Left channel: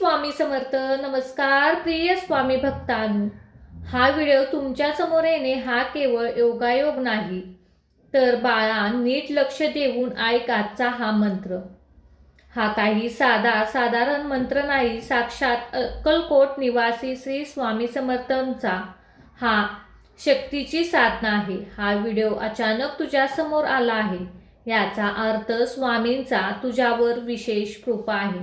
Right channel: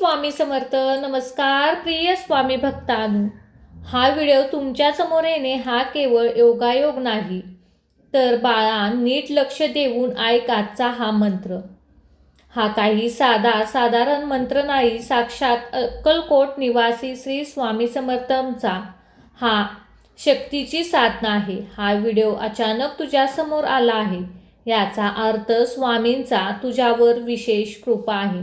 स्वामी समर्थ. नमस्कार प्रिय स्वामी भक्तांनो. हा व्हिडिओ तुमच्या समोर येणे हा केवळ योगायोग नाही, तर बाळा नीट लक्ष देऊन ऐक आजचा हा मंत्र. हा काही साधारण मंत्र नाही. साक्षात अक्कलकोट निवासी श्री स्वामी समर्थांचा हा शक्तीची साधना आहे. हा व्हिडिओ अचानक तुझ्या समोर आला आहे, याचा अर्थ स्वामींचा तुझ्यावर विशेष कृपा आहे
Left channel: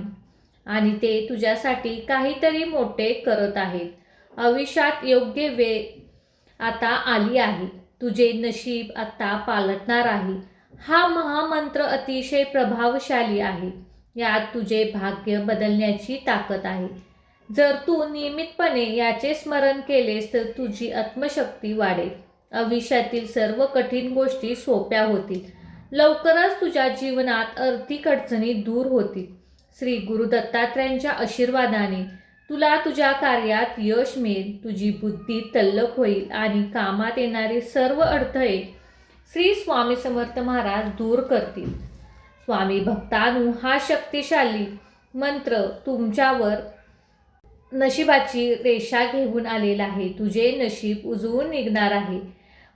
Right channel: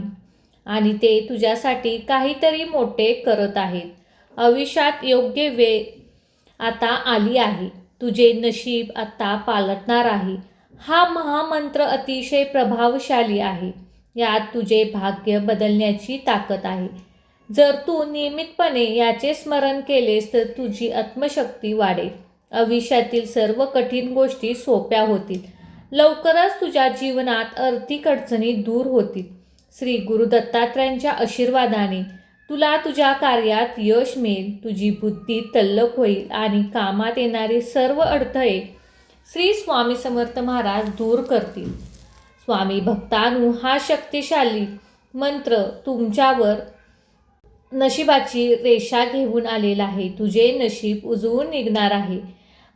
आणि ते तुझ्यासाठी काहीतरी मोठे करत आहेत. आयुष्यात योग्य वेळ आता आली आहे. तुझे नशीब आता पालटणार आहे. हा महामंत्र अतिशय प्रभावशाली आहे. यात तुझे भाग्य बदलण्याची ताकद आहे. जर तू नियमितपणे याचे स्मरण केलेस तर तुझी आत्मशक्ती वाढेल. आयुष्यातील सर्व कठीण गोष्टी सोप्या होतील. लवकरच तुझ्या जीवनात आर्थिक अडचणी दूर होतील. श्री गुरु दत्तात्रयांच्या आशीर्वादाने तुला तुझ्या कार्यात यश मिळेल. तुझी बुद्धी तल्लख होईल आणि कामात येणारे सर्व अडथळे श्री स्वामी समर्थ महाराज दूर करतील. स्वामी भक्तांनो, हा शक्तिशाली मंत्र तुमच्यावर नशिबाची रेषा घेऊन आलेला आहे. तुझे नशीब उजळून निघणार आहे.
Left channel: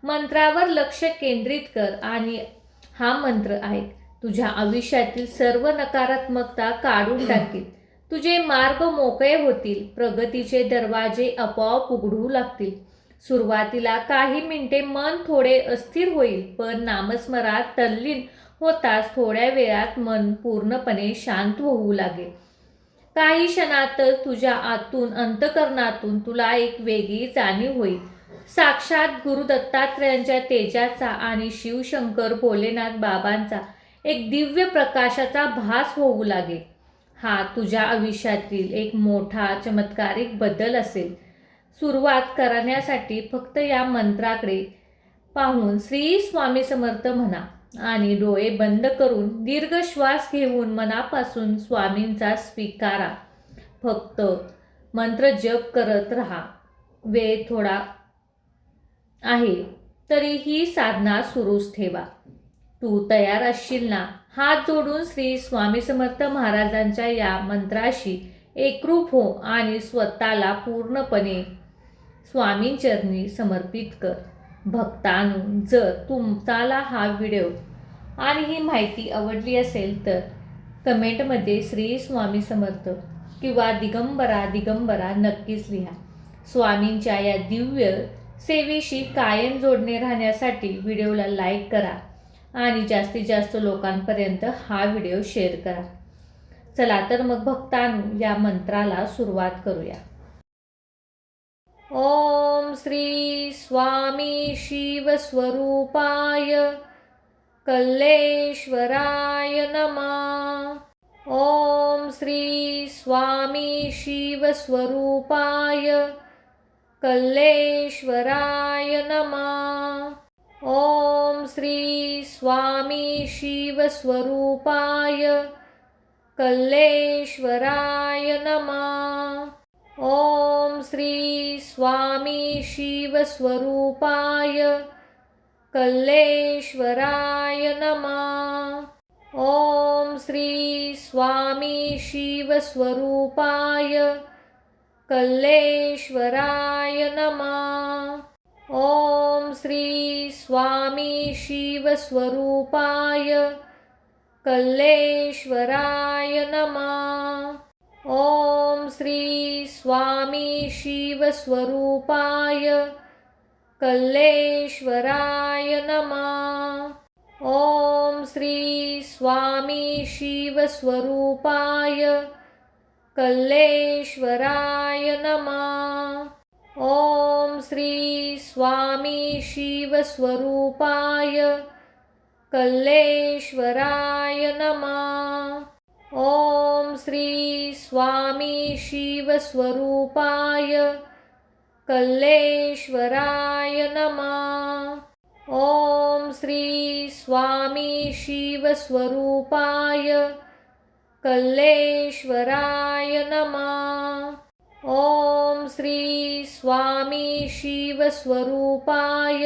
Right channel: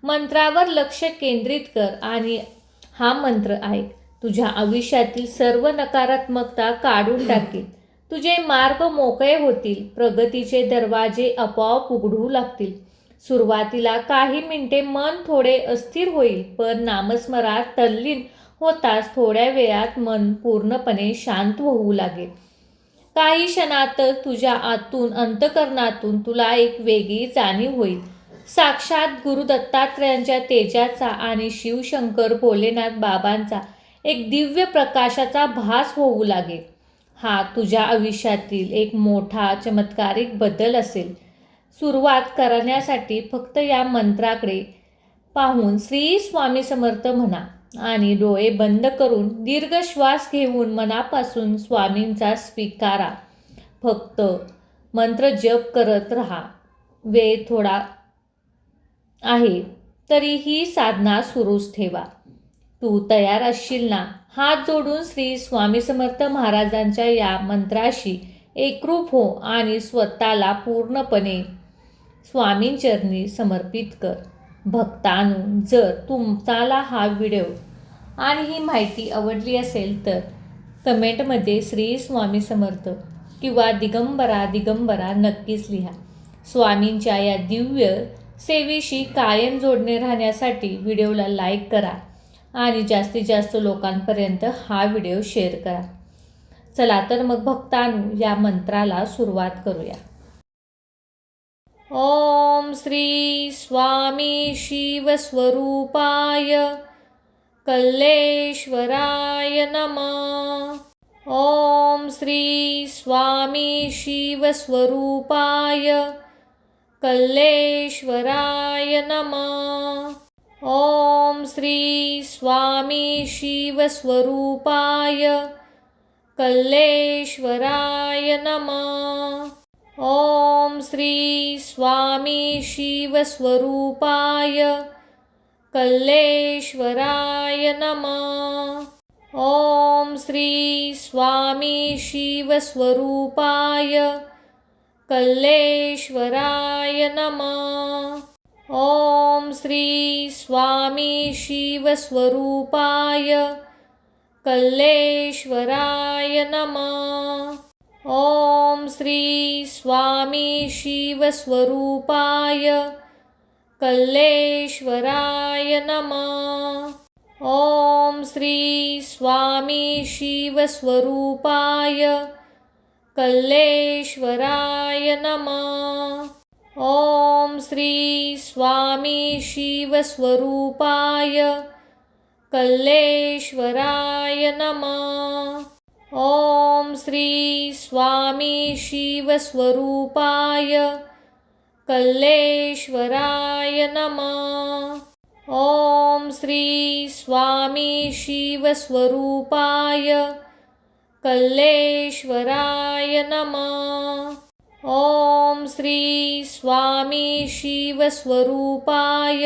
मंत्रावर लक्ष केंद्रित कर आणि हा मंत्र ऐक. तुझ्या आयुष्यातील सर्व नकारात्मकता काढून टाकेल. तुझे मार्ग मोकळे होतील. प्रगतीचे दरवाजे आपोआप उघडू लागतील. सुरुवातीला काही मिनिटे मन थोडे अस्थिर होईल, पण नामस्मरात तल्लीन होताच थोड्या वेळात मन पूर्णपणे शांत होऊ लागेल. काही क्षणातच तुझ्या आतून अंतःकरणातून तुला एक वेगळी जाणीव होईल. साक्षात गुरु दत्तात्रयांच्या तेजाचा आणि शिवशंकर भोलेनाथ बाबांचा एक दिव्य प्रकाशाचा भास होऊ लागेल. हा तुझ्या आयुष्यातील एक मोठा चमत्कारिक बदल असेल. सुरुवात करण्यासाठी फक्त या मंत्राकडे पाहून श्री स्वामी समर्थ म्हणा आणि डोळे बंद करून दीर्घ श्वास घेऊन मनापासून स्वामींचा स्वीकारा. फक्त मंत्र जप करत राहा. वेळ थोडा आहे तरी ही साधना सुरूच ठेवा. तू तयार असशील ना? हात जोडून श्री स्वामी समर्थ महाराजांच्या या मंत्राशी एकरूप हो आणि स्वतःला पूर्णपणे स्वामींचरणी समर्पित कर. भक्तांनो, जर तुम्हाला हा व्हिडिओ आणि ही माहिती आवडली असेल तर कमेंटमध्ये श्री स्वामी समर्थ किंवा दिगंबरा नक्कीच लिहा. स्वामींच्या या दिव्य सेवेशी कायम जोडणे राहण्यासाठी व्हिडिओला लाईक करा आणि जास्तीत जास्त लोकांपर्यंत हा व्हिडिओ शेअर करा. चला तर मग भक्तांनो, या मंत्राला सुरुवात करूया. ओम श्री स्वामी शिवस्वरूपाय कल्लेश्वराय नमः. ओम श्री स्वामी शिवस्वरूपाय कल्लेश्वराय नमः. ओम श्री स्वामी शिवस्वरूपाय कल्लेश्वराय नमः. ओम श्री स्वामी शिवस्वरूपाय कल्लेश्वराय नमः. ओम श्री स्वामी शिवस्वरूपाय कल्लेश्वराय नमः. ओम श्री स्वामी शिवस्वरूपाय कल्लेश्वराय नमः. ओम श्री स्वामी शिवस्वरूपाय कल्लेश्वराय नमः. ओम श्री स्वामी शिवस्वरूपाय कल्लेश्वराय नमः. ओम श्री स्वामी शिवस्वरूपाय कल्लेश्वराय नमः. ओम श्री स्वामी शिवस्वरूपाय कल्लेश्वराय नमः. ओम श्री स्वामी शिवस्वरूपाय कल्लेश्वराय नमः. ओम श्री स्वामी शिवस्वरूपाय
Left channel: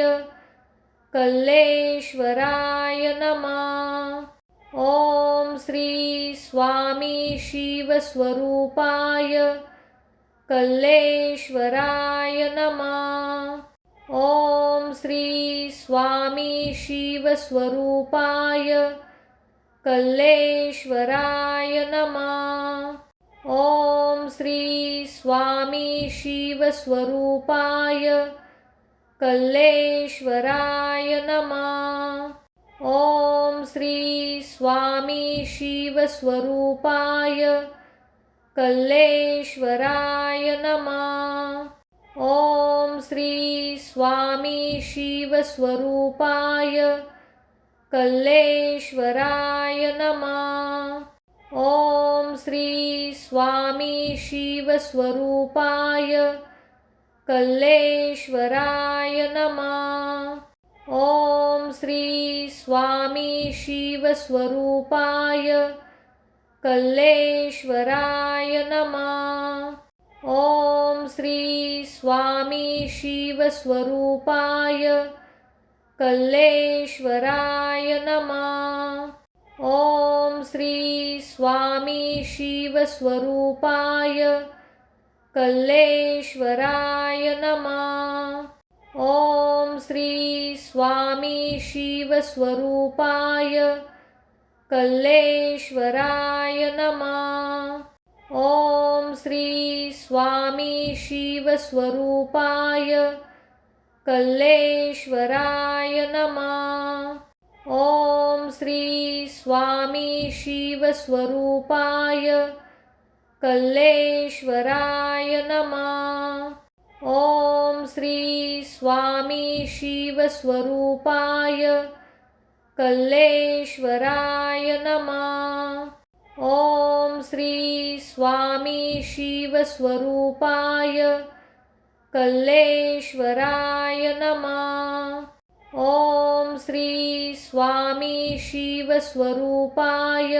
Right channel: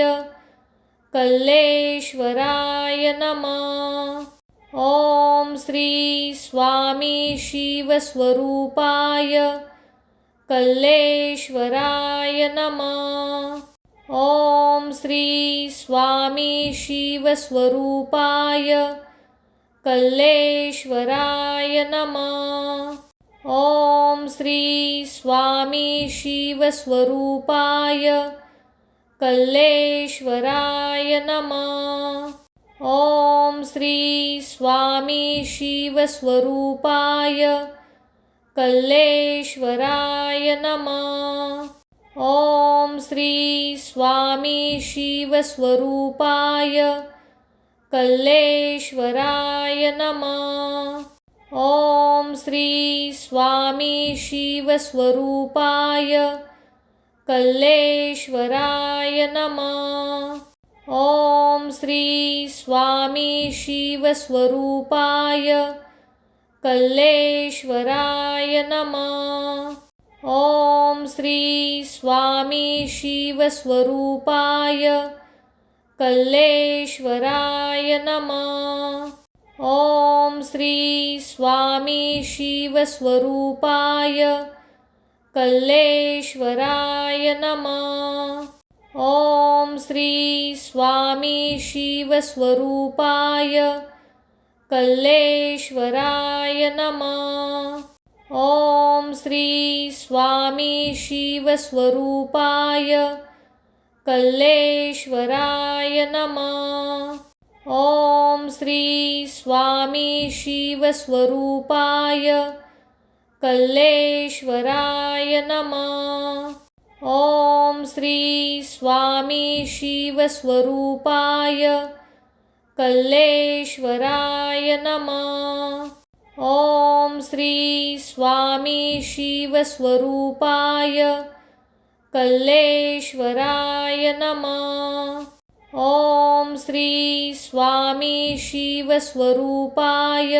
कल्लेश्वराय नमः. ओम श्री स्वामी शिवस्वरूपाय कल्लेश्वराय नमः। ओम श्री स्वामी शिवस्वरूपाय कल्लेश्वराय नमः। ओम श्री स्वामी शिवस्वरूपाय कल्लेश्वराय नमः। ओम श्री स्वामी शिवस्वरूपाय कल्लेश्वराय नमः। ओम श्री स्वामी शिवस्वरूपाय कल्लेश्वराय नमः। ओम श्री स्वामी शिवस्वरूपाय कल्लेश्वराय नमः। ओम श्री स्वामी शिवस्वरूपाय कल्लेश्वराय नमः। ओम श्री स्वामी शिवस्वरूपाय कल्लेश्वराय नमः। ओम श्री स्वामी शिवस्वरूपाय कल्लेश्वराय नमः। ओम श्री स्वामी शिवस्वरूपाय कल्लेश्वराय नमः। ओम श्री स्वामी शिवस्वरूपाय कल्लेश्वराय नमः। ओम श्री स्वामी शिवस्वरूपाय कल्लेश्वराय नमः। ओम श्री स्वामी शिवस्वरूपाय कल्लेश्वराय नमः। ओम श्री स्वामी शिवस्वरूपाय कल्लेश्वराय नमः। ओम श्री स्वामी शिवस्वरूपाय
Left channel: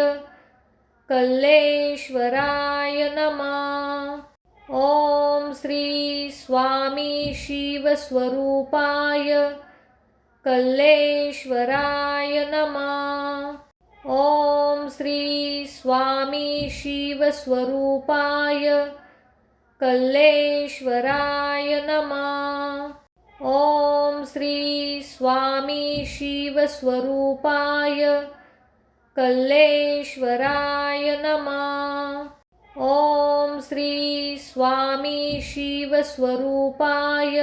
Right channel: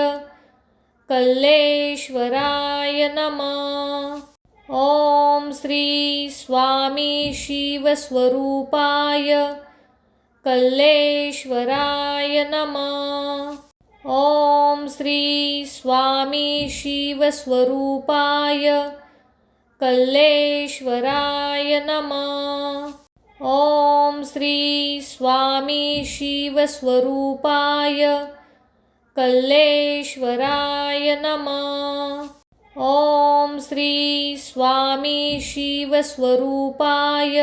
कल्लेश्वराय नमः। ओम श्री स्वामी शिवस्वरूपाय कल्लेश्वराय नमः। ओम श्री स्वामी शिवस्वरूपाय कल्लेश्वराय नमः। ओम श्री स्वामी शिवस्वरूपाय कल्लेश्वराय नमः। ओम श्री स्वामी शिवस्वरूपाय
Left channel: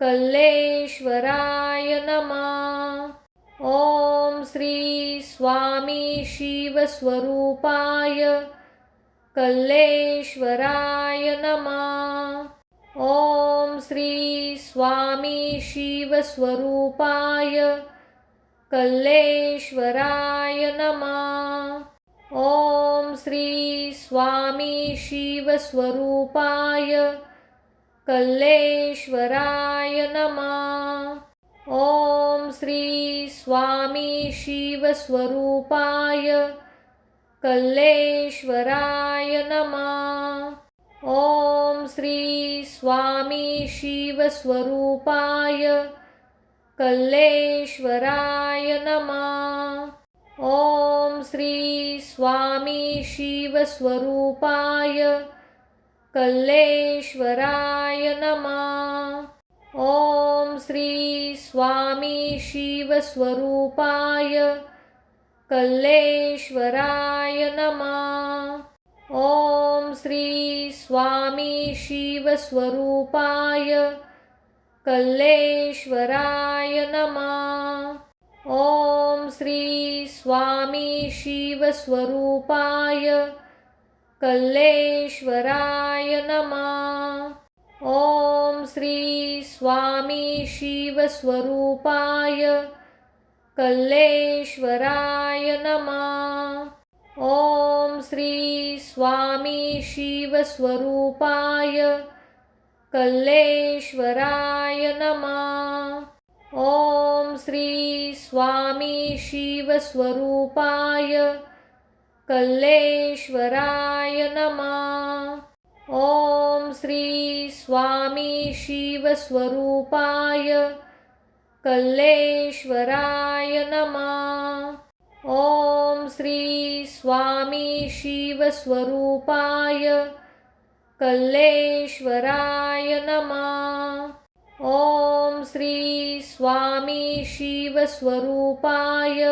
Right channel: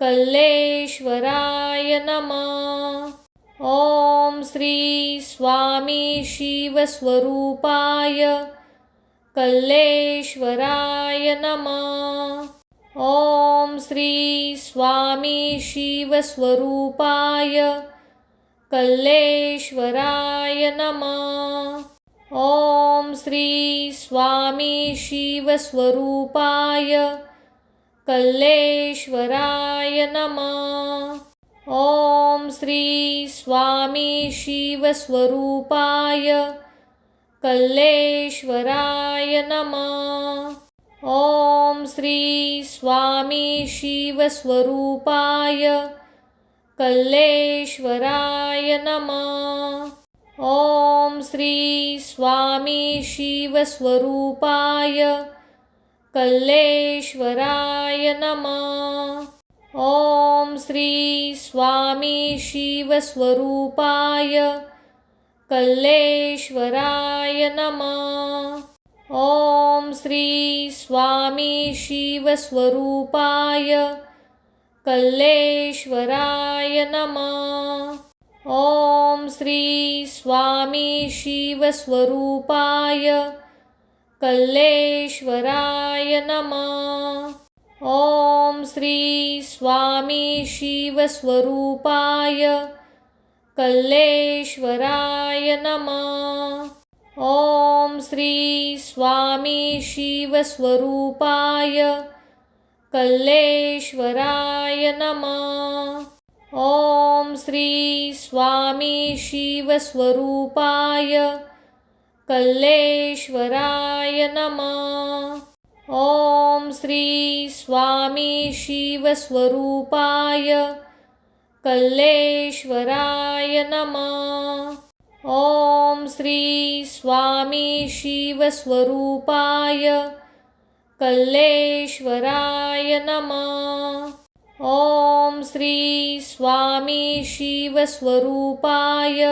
कल्लेश्वराय नमः। ओम श्री स्वामी शिवस्वरूपाय कल्लेश्वराय नमः। ओम श्री स्वामी शिवस्वरूपाय कल्लेश्वराय नमः। ओम श्री स्वामी शिवस्वरूपाय कल्लेश्वराय नमः। ओम श्री स्वामी शिवस्वरूपाय कल्लेश्वराय नमः। ओम श्री स्वामी शिवस्वरूपाय कल्लेश्वराय नमः। ओम श्री स्वामी शिवस्वरूपाय कल्लेश्वराय नमः। ओम श्री स्वामी शिवस्वरूपाय कल्लेश्वराय नमः। ओम श्री स्वामी शिवस्वरूपाय कल्लेश्वराय नमः। ओम श्री स्वामी शिवस्वरूपाय कल्लेश्वराय नमः। ओम श्री स्वामी शिवस्वरूपाय कल्लेश्वराय नमः। ओम श्री स्वामी शिवस्वरूपाय कल्लेश्वराय नमः। ओम श्री स्वामी शिवस्वरूपाय कल्लेश्वराय नमः। ओम श्री स्वामी शिवस्वरूपाय कल्लेश्वराय नमः। ओम श्री स्वामी शिवस्वरूपाय कल्लेश्वराय नमः। ओम श्री स्वामी शिवस्वरूपाय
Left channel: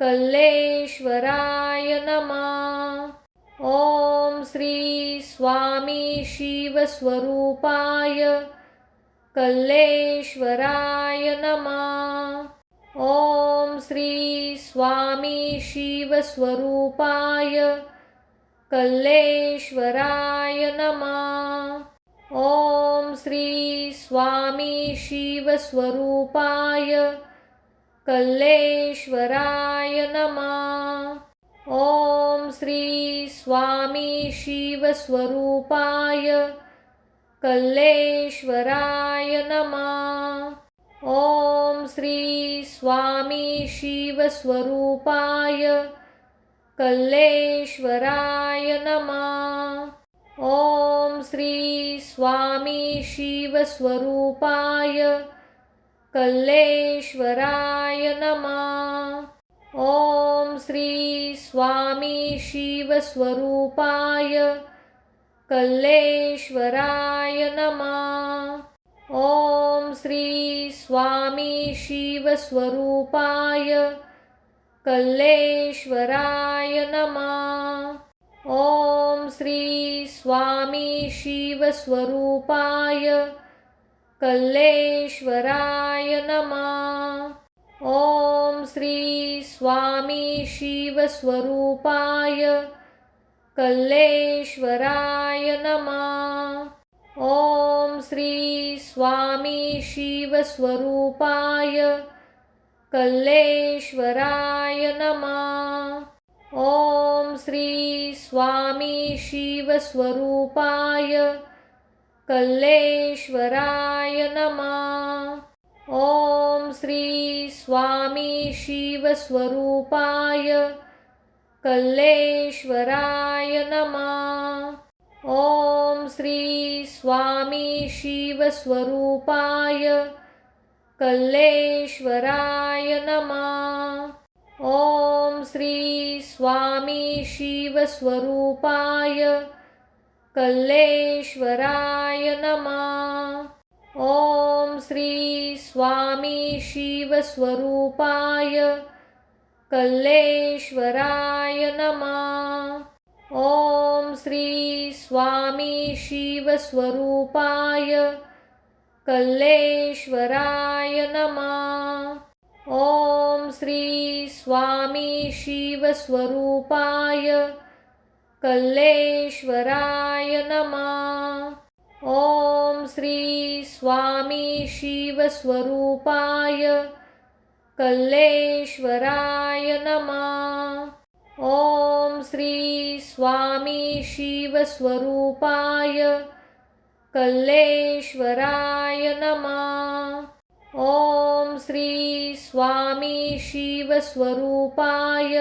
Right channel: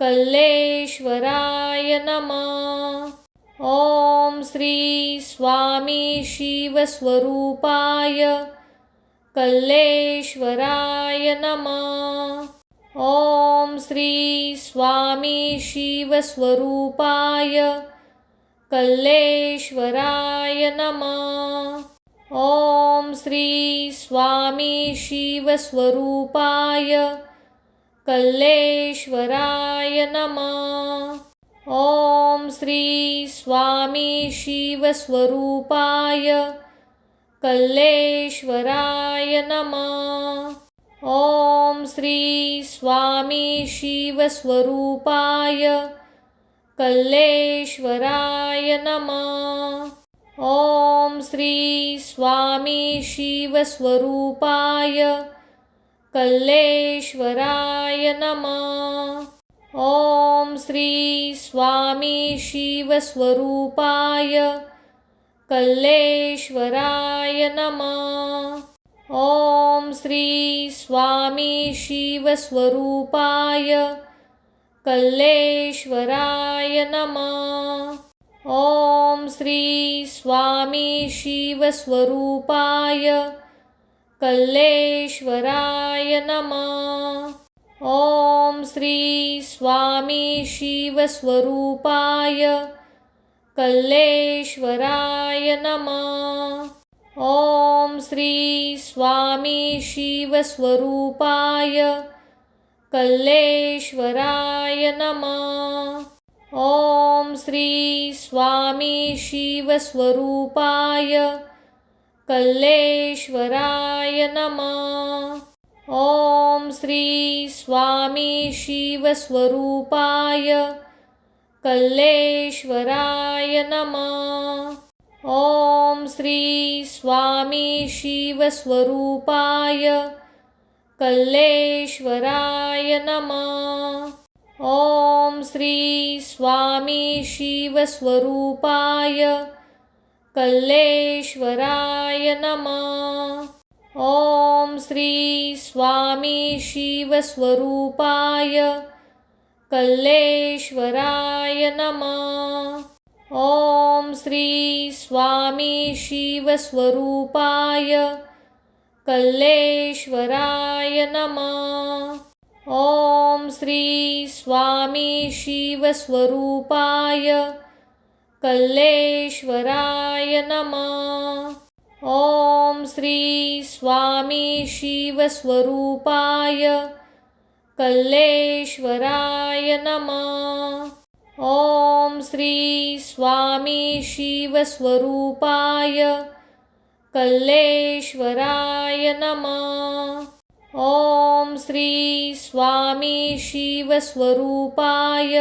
कल्लेश्वराय नमः। ओम श्री स्वामी शिवस्वरूपाय कल्लेश्वराय नमः। ओम श्री स्वामी शिवस्वरूपाय कल्लेश्वराय नमः। ओम श्री स्वामी शिवस्वरूपाय कल्लेश्वराय नमः। ओम श्री स्वामी शिवस्वरूपाय कल्लेश्वराय नमः। ओम श्री स्वामी शिवस्वरूपाय कल्लेश्वराय नमः। ओम श्री स्वामी शिवस्वरूपाय कल्लेश्वराय नमः। ओम श्री स्वामी शिवस्वरूपाय कल्लेश्वराय नमः। ओम श्री स्वामी शिवस्वरूपाय कल्लेश्वराय नमः। ओम श्री स्वामी शिवस्वरूपाय कल्लेश्वराय नमः। ओम श्री स्वामी शिवस्वरूपाय कल्लेश्वराय नमः। ओम श्री स्वामी शिवस्वरूपाय कल्लेश्वराय नमः। ओम श्री स्वामी शिवस्वरूपाय कल्लेश्वराय नमः। ओम श्री स्वामी शिवस्वरूपाय कल्लेश्वराय नमः। ओम श्री स्वामी शिवस्वरूपाय कल्लेश्वराय नमः। ओम श्री स्वामी शिवस्वरूपाय कल्लेश्वराय नमः। ओम श्री स्वामी शिवस्वरूपाय कल्लेश्वराय नमः। ओम श्री स्वामी शिवस्वरूपाय कल्लेश्वराय नमः। ओम श्री स्वामी शिवस्वरूपाय कल्लेश्वराय नमः। ओम श्री स्वामी शिवस्वरूपाय कल्लेश्वराय नमः। ओम श्री स्वामी शिवस्वरूपाय कल्लेश्वराय नमः। ओम श्री स्वामी शिवस्वरूपाय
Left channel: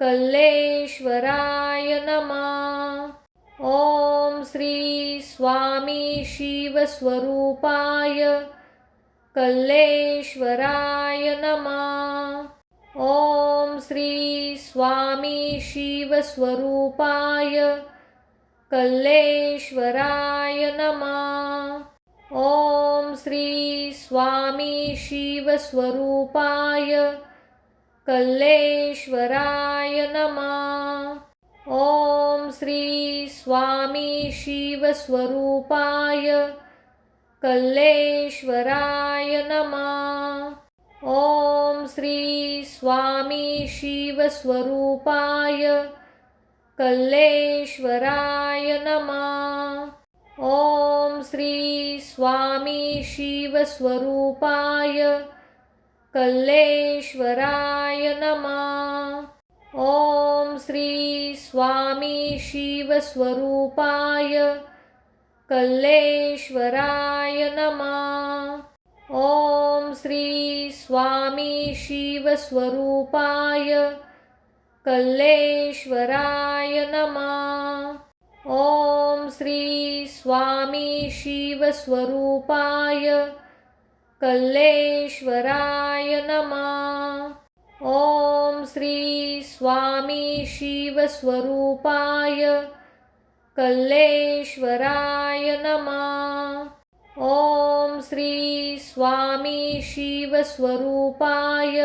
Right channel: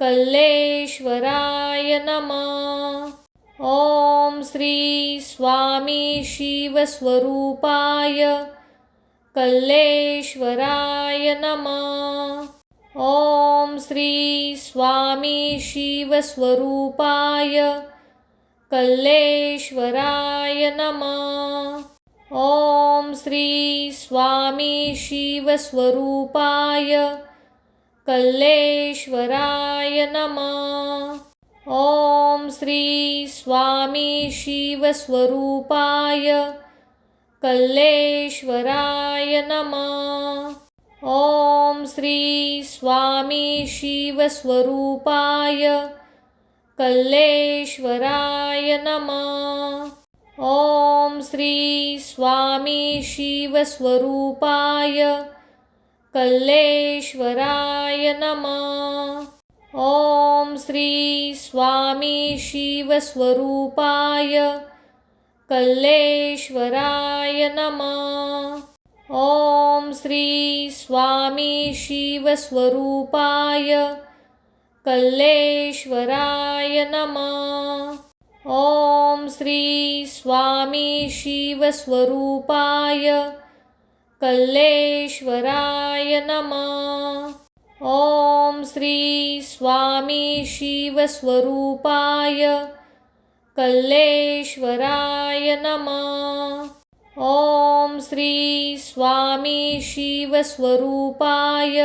कल्लेश्वराय नमः। ओम श्री स्वामी शिवस्वरूपाय कल्लेश्वराय नमः। ओम श्री स्वामी शिवस्वरूपाय कल्लेश्वराय नमः। ओम श्री स्वामी शिवस्वरूपाय कल्लेश्वराय नमः। ओम श्री स्वामी शिवस्वरूपाय कल्लेश्वराय नमः। ओम श्री स्वामी शिवस्वरूपाय कल्लेश्वराय नमः। ओम श्री स्वामी शिवस्वरूपाय कल्लेश्वराय नमः। ओम श्री स्वामी शिवस्वरूपाय कल्लेश्वराय नमः। ओम श्री स्वामी शिवस्वरूपाय कल्लेश्वराय नमः। ओम श्री स्वामी शिवस्वरूपाय कल्लेश्वराय नमः। ओम श्री स्वामी शिवस्वरूपाय कल्लेश्वराय नमः। ओम श्री स्वामी शिवस्वरूपाय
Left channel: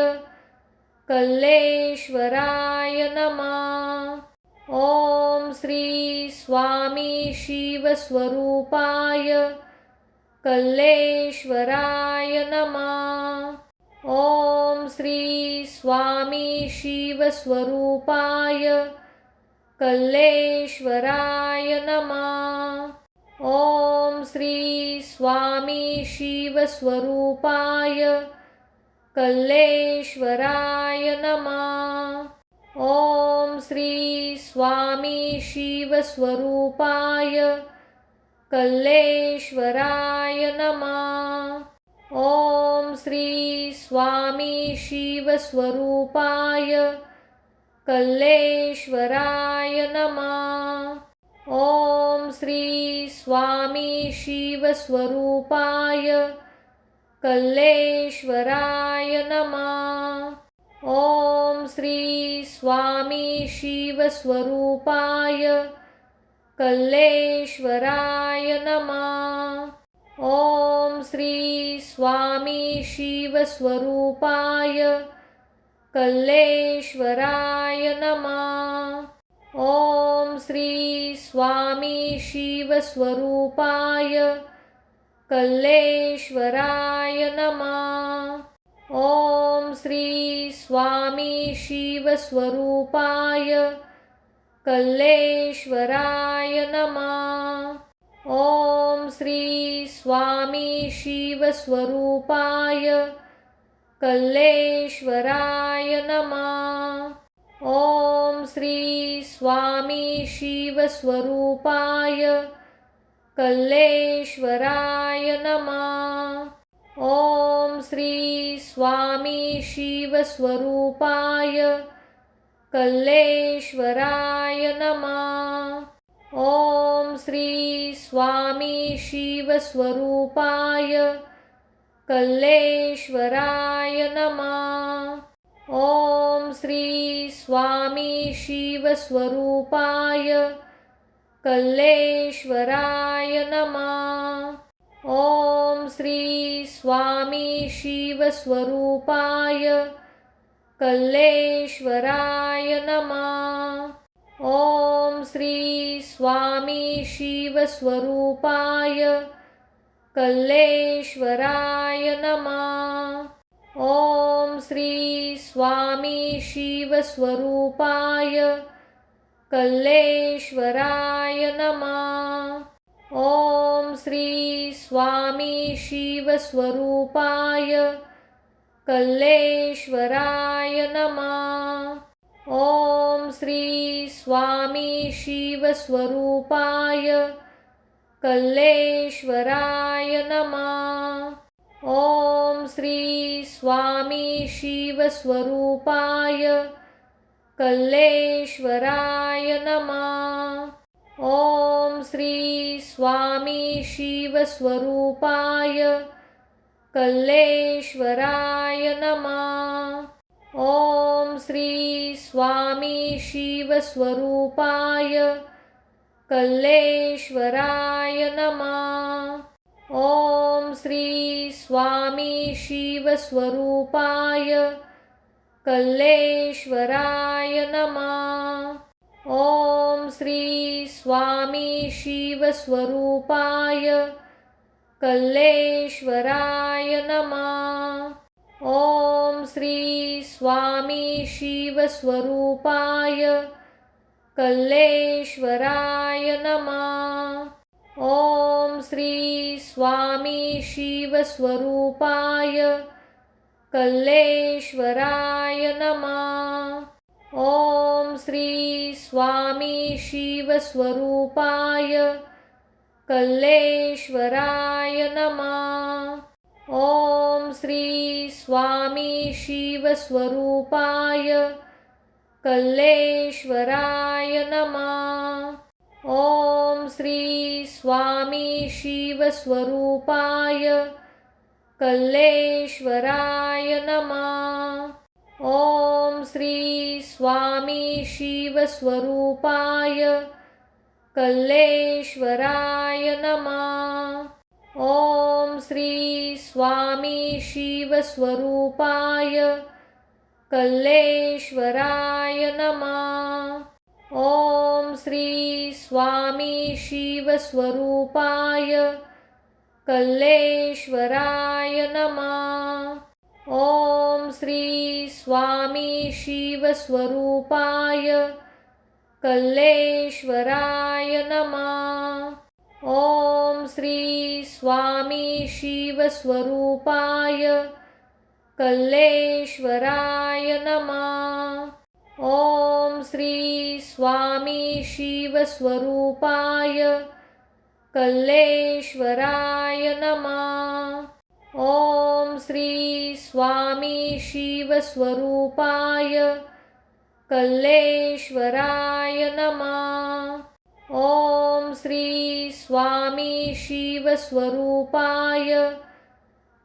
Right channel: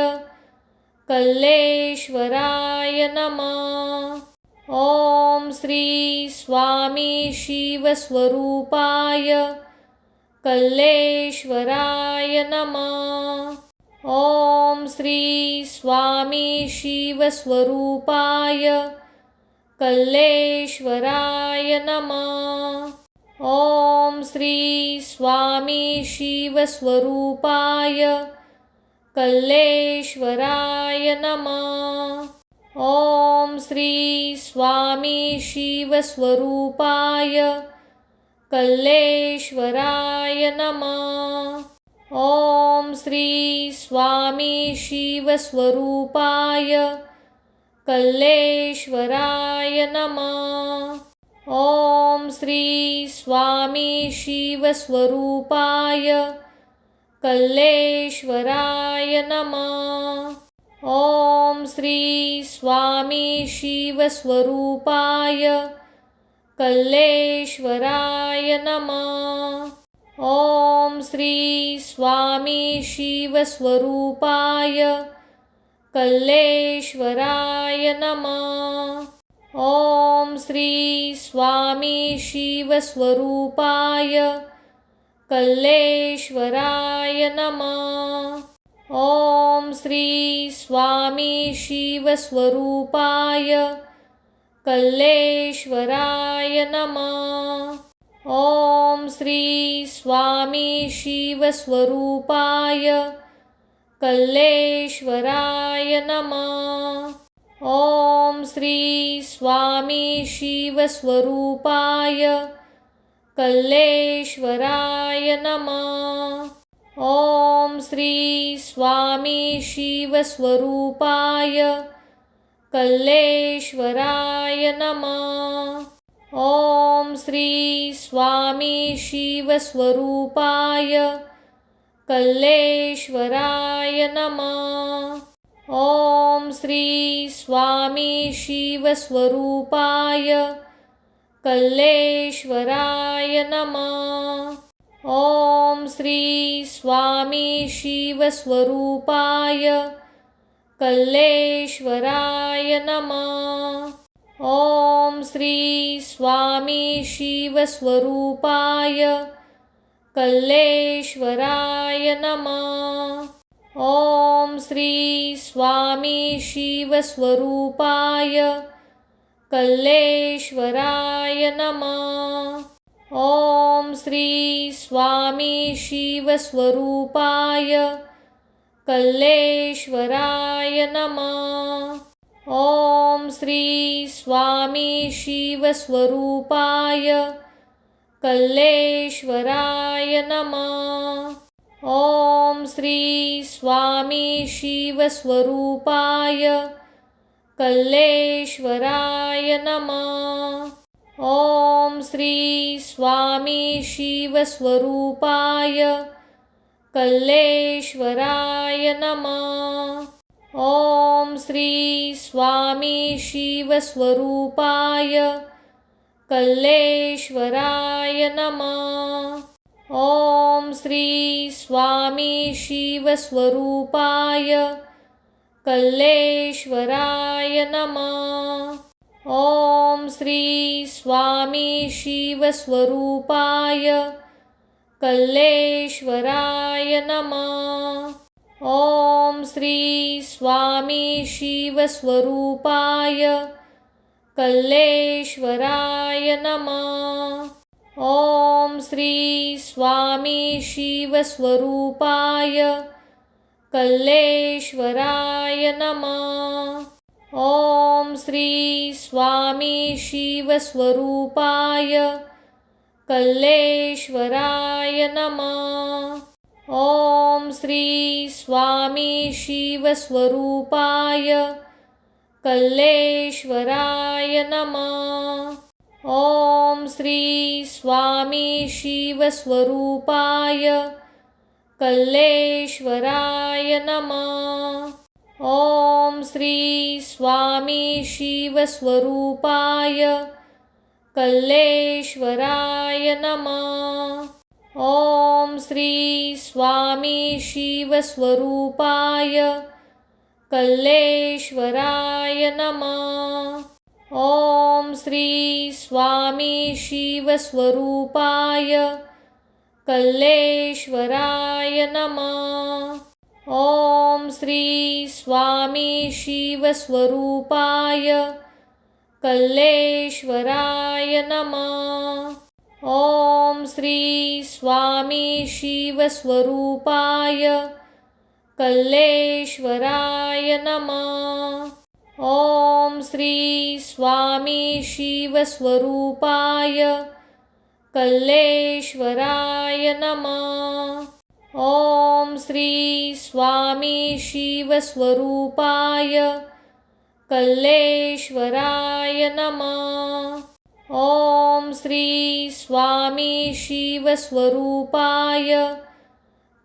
कल्लेश्वराय नमः। ओम श्री स्वामी शिवस्वरूपाय कल्लेश्वराय नमः। ओम श्री स्वामी शिवस्वरूपाय कल्लेश्वराय नमः। ओम श्री स्वामी शिवस्वरूपाय कल्लेश्वराय नमः। ओम श्री स्वामी शिवस्वरूपाय कल्लेश्वराय नमः। ओम श्री स्वामी शिवस्वरूपाय कल्लेश्वराय नमः। ओम श्री स्वामी शिवस्वरूपाय कल्लेश्वराय नमः। ओम श्री स्वामी शिवस्वरूपाय कल्लेश्वराय नमः। ओम श्री स्वामी शिवस्वरूपाय कल्लेश्वराय नमः। ओम श्री स्वामी शिवस्वरूपाय कल्लेश्वराय नमः। ओम श्री स्वामी शिवस्वरूपाय कल्लेश्वराय नमः। ओम श्री स्वामी शिवस्वरूपाय कल्लेश्वराय नमः। ओम श्री स्वामी शिवस्वरूपाय कल्लेश्वराय नमः। ओम श्री स्वामी शिवस्वरूपाय कल्लेश्वराय नमः। ओम श्री स्वामी शिवस्वरूपाय कल्लेश्वराय नमः। ओम श्री स्वामी शिवस्वरूपाय कल्लेश्वराय नमः। ओम श्री स्वामी शिवस्वरूपाय कल्लेश्वराय नमः। ओम श्री स्वामी शिवस्वरूपाय कल्लेश्वराय नमः। ओम श्री स्वामी शिवस्वरूपाय कल्लेश्वराय नमः। ओम श्री स्वामी शिवस्वरूपाय कल्लेश्वराय नमः। ओम श्री स्वामी शिवस्वरूपाय कल्लेश्वराय नमः। ओम श्री स्वामी शिवस्वरूपाय कल्लेश्वराय नमः। ओम श्री स्वामी शिवस्वरूपाय कल्लेश्वराय नमः। ओम श्री स्वामी शिवस्वरूपाय कल्लेश्वराय नमः। ओम श्री स्वामी शिवस्वरूपाय कल्लेश्वराय नमः। ओम श्री स्वामी शिवस्वरूपाय कल्लेश्वराय नमः। ओम श्री स्वामी शिवस्वरूपाय कल्लेश्वराय नमः। ओम श्री स्वामी शिवस्वरूपाय कल्लेश्वराय नमः। ओम श्री स्वामी शिवस्वरूपाय कल्लेश्वराय नमः। ओम श्री स्वामी शिवस्वरूपाय कल्लेश्वराय नमः। ओम श्री स्वामी शिवस्वरूपाय कल्लेश्वराय नमः। ओम श्री स्वामी शिवस्वरूपाय कल्लेश्वराय नमः। ओम श्री स्वामी शिवस्वरूपाय कल्लेश्वराय नमः। ओम श्री स्वामी शिवस्वरूपाय कल्लेश्वराय नमः। ओम श्री स्वामी शिवस्वरूपाय कल्लेश्वराय नमः। ओम श्री स्वामी शिवस्वरूपाय कल्लेश्वराय नमः। ओम श्री स्वामी शिवस्वरूपाय कल्लेश्वराय नमः। ओम श्री स्वामी शिवस्वरूपाय कल्लेश्वराय नमः। ओम श्री स्वामी शिवस्वरूपाय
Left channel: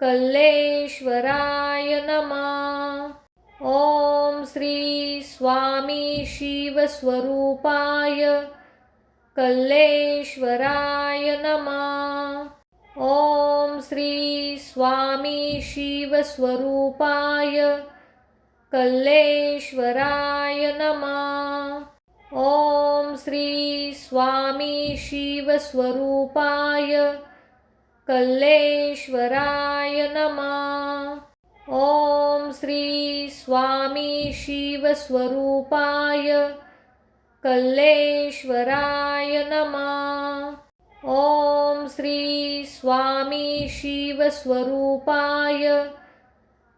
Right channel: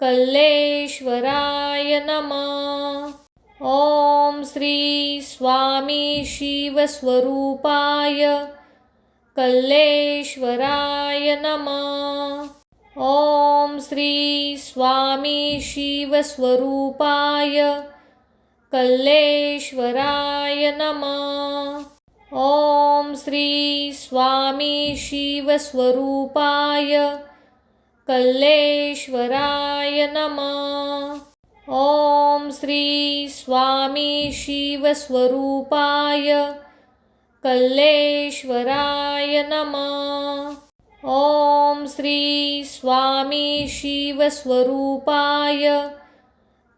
कल्लेश्वराय नमः। ओम श्री स्वामी शिवस्वरूपाय कल्लेश्वराय नमः। ओम श्री स्वामी शिवस्वरूपाय कल्लेश्वराय नमः। ओम श्री स्वामी शिवस्वरूपाय कल्लेश्वराय नमः। ओम श्री स्वामी शिवस्वरूपाय कल्लेश्वराय नमः। ओम श्री स्वामी शिवस्वरूपाय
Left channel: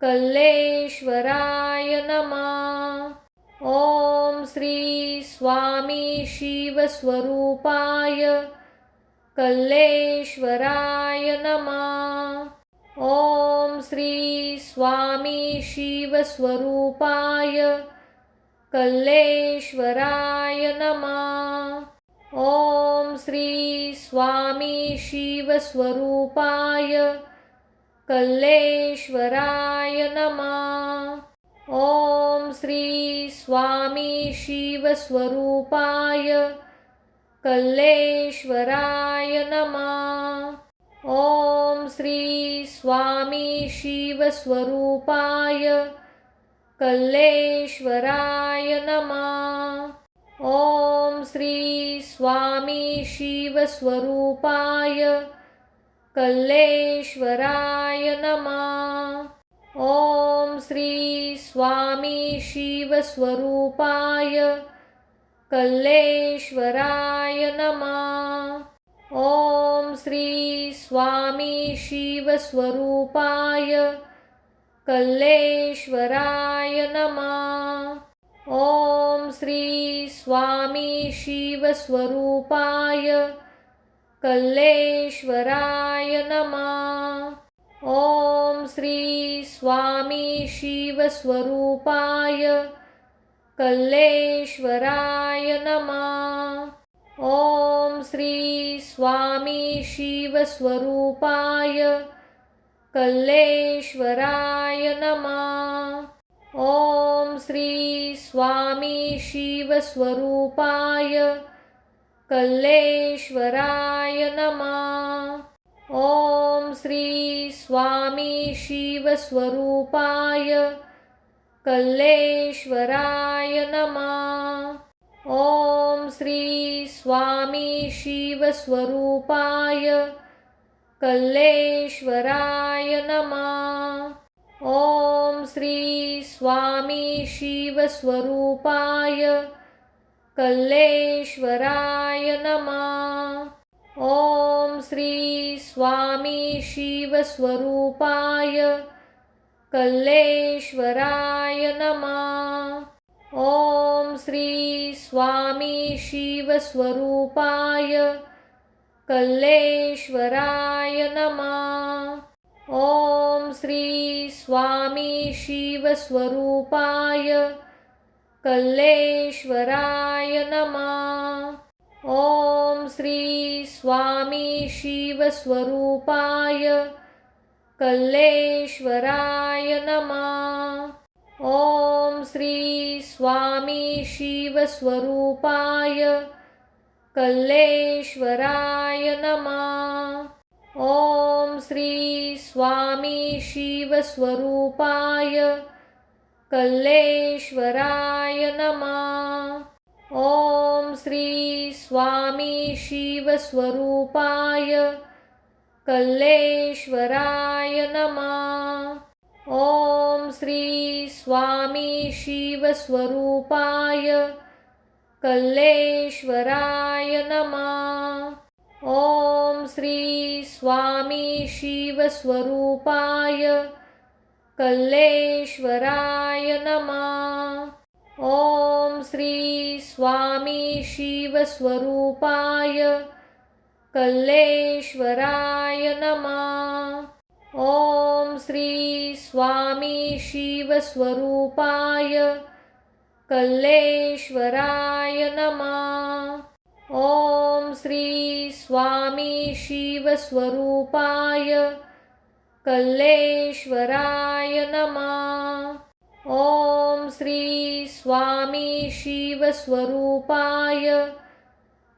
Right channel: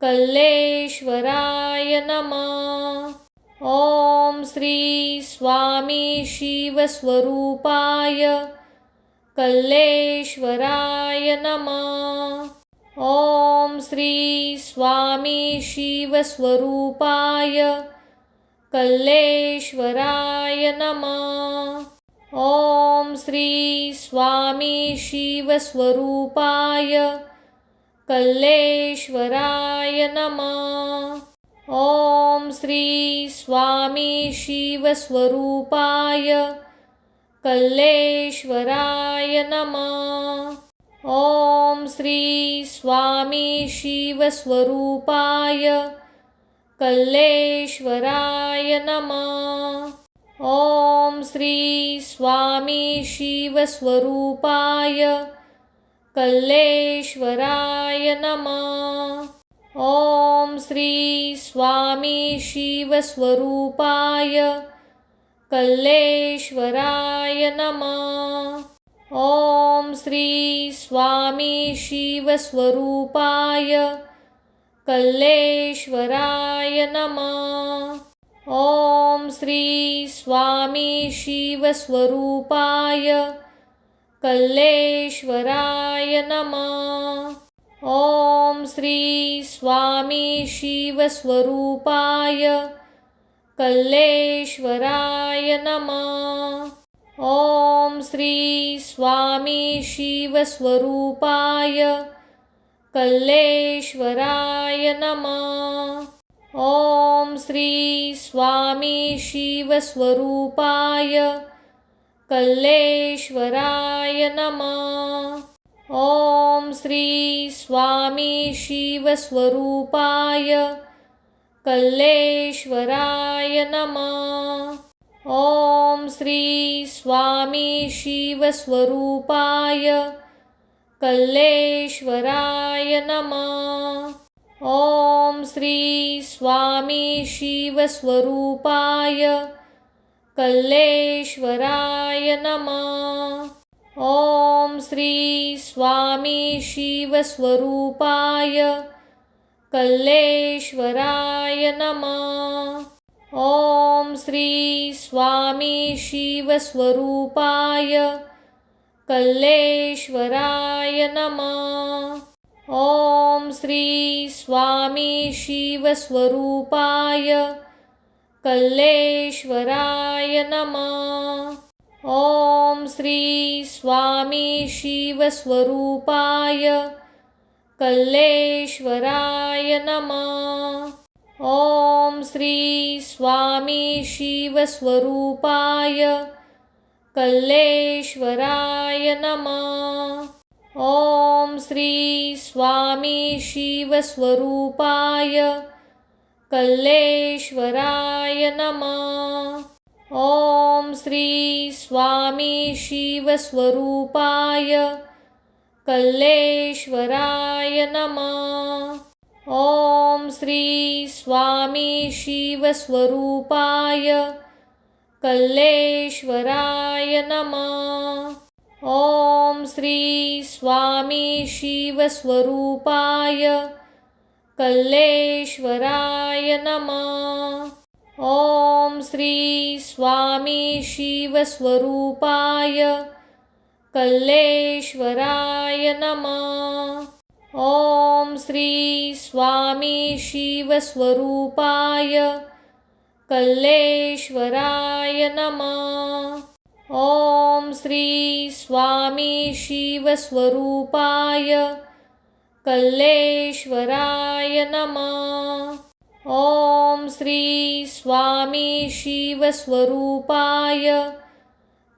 कल्लेश्वराय नमः। ओम श्री स्वामी शिवस्वरूपाय कल्लेश्वराय नमः। ओम श्री स्वामी शिवस्वरूपाय कल्लेश्वराय नमः। ओम श्री स्वामी शिवस्वरूपाय कल्लेश्वराय नमः। ओम श्री स्वामी शिवस्वरूपाय कल्लेश्वराय नमः। ओम श्री स्वामी शिवस्वरूपाय कल्लेश्वराय नमः। ओम श्री स्वामी शिवस्वरूपाय कल्लेश्वराय नमः। ओम श्री स्वामी शिवस्वरूपाय कल्लेश्वराय नमः। ओम श्री स्वामी शिवस्वरूपाय कल्लेश्वराय नमः। ओम श्री स्वामी शिवस्वरूपाय कल्लेश्वराय नमः। ओम श्री स्वामी शिवस्वरूपाय कल्लेश्वराय नमः। ओम श्री स्वामी शिवस्वरूपाय कल्लेश्वराय नमः। ओम श्री स्वामी शिवस्वरूपाय कल्लेश्वराय नमः। ओम श्री स्वामी शिवस्वरूपाय कल्लेश्वराय नमः। ओम श्री स्वामी शिवस्वरूपाय कल्लेश्वराय नमः। ओम श्री स्वामी शिवस्वरूपाय कल्लेश्वराय नमः। ओम श्री स्वामी शिवस्वरूपाय कल्लेश्वराय नमः। ओम श्री स्वामी शिवस्वरूपाय कल्लेश्वराय नमः। ओम श्री स्वामी शिवस्वरूपाय कल्लेश्वराय नमः। ओम श्री स्वामी शिवस्वरूपाय कल्लेश्वराय नमः। ओम श्री स्वामी शिवस्वरूपाय कल्लेश्वराय नमः। ओम श्री स्वामी शिवस्वरूपाय कल्लेश्वराय नमः। ओम श्री स्वामी शिवस्वरूपाय कल्लेश्वराय नमः। ओम श्री स्वामी शिवस्वरूपाय कल्लेश्वराय नमः। ओम श्री स्वामी शिवस्वरूपाय कल्लेश्वराय नमः। ओम श्री स्वामी शिवस्वरूपाय कल्लेश्वराय नमः। ओम श्री स्वामी शिवस्वरूपाय कल्लेश्वराय नमः। ओम श्री स्वामी शिवस्वरूपाय कल्लेश्वराय नमः। ओम श्री स्वामी शिवस्वरूपाय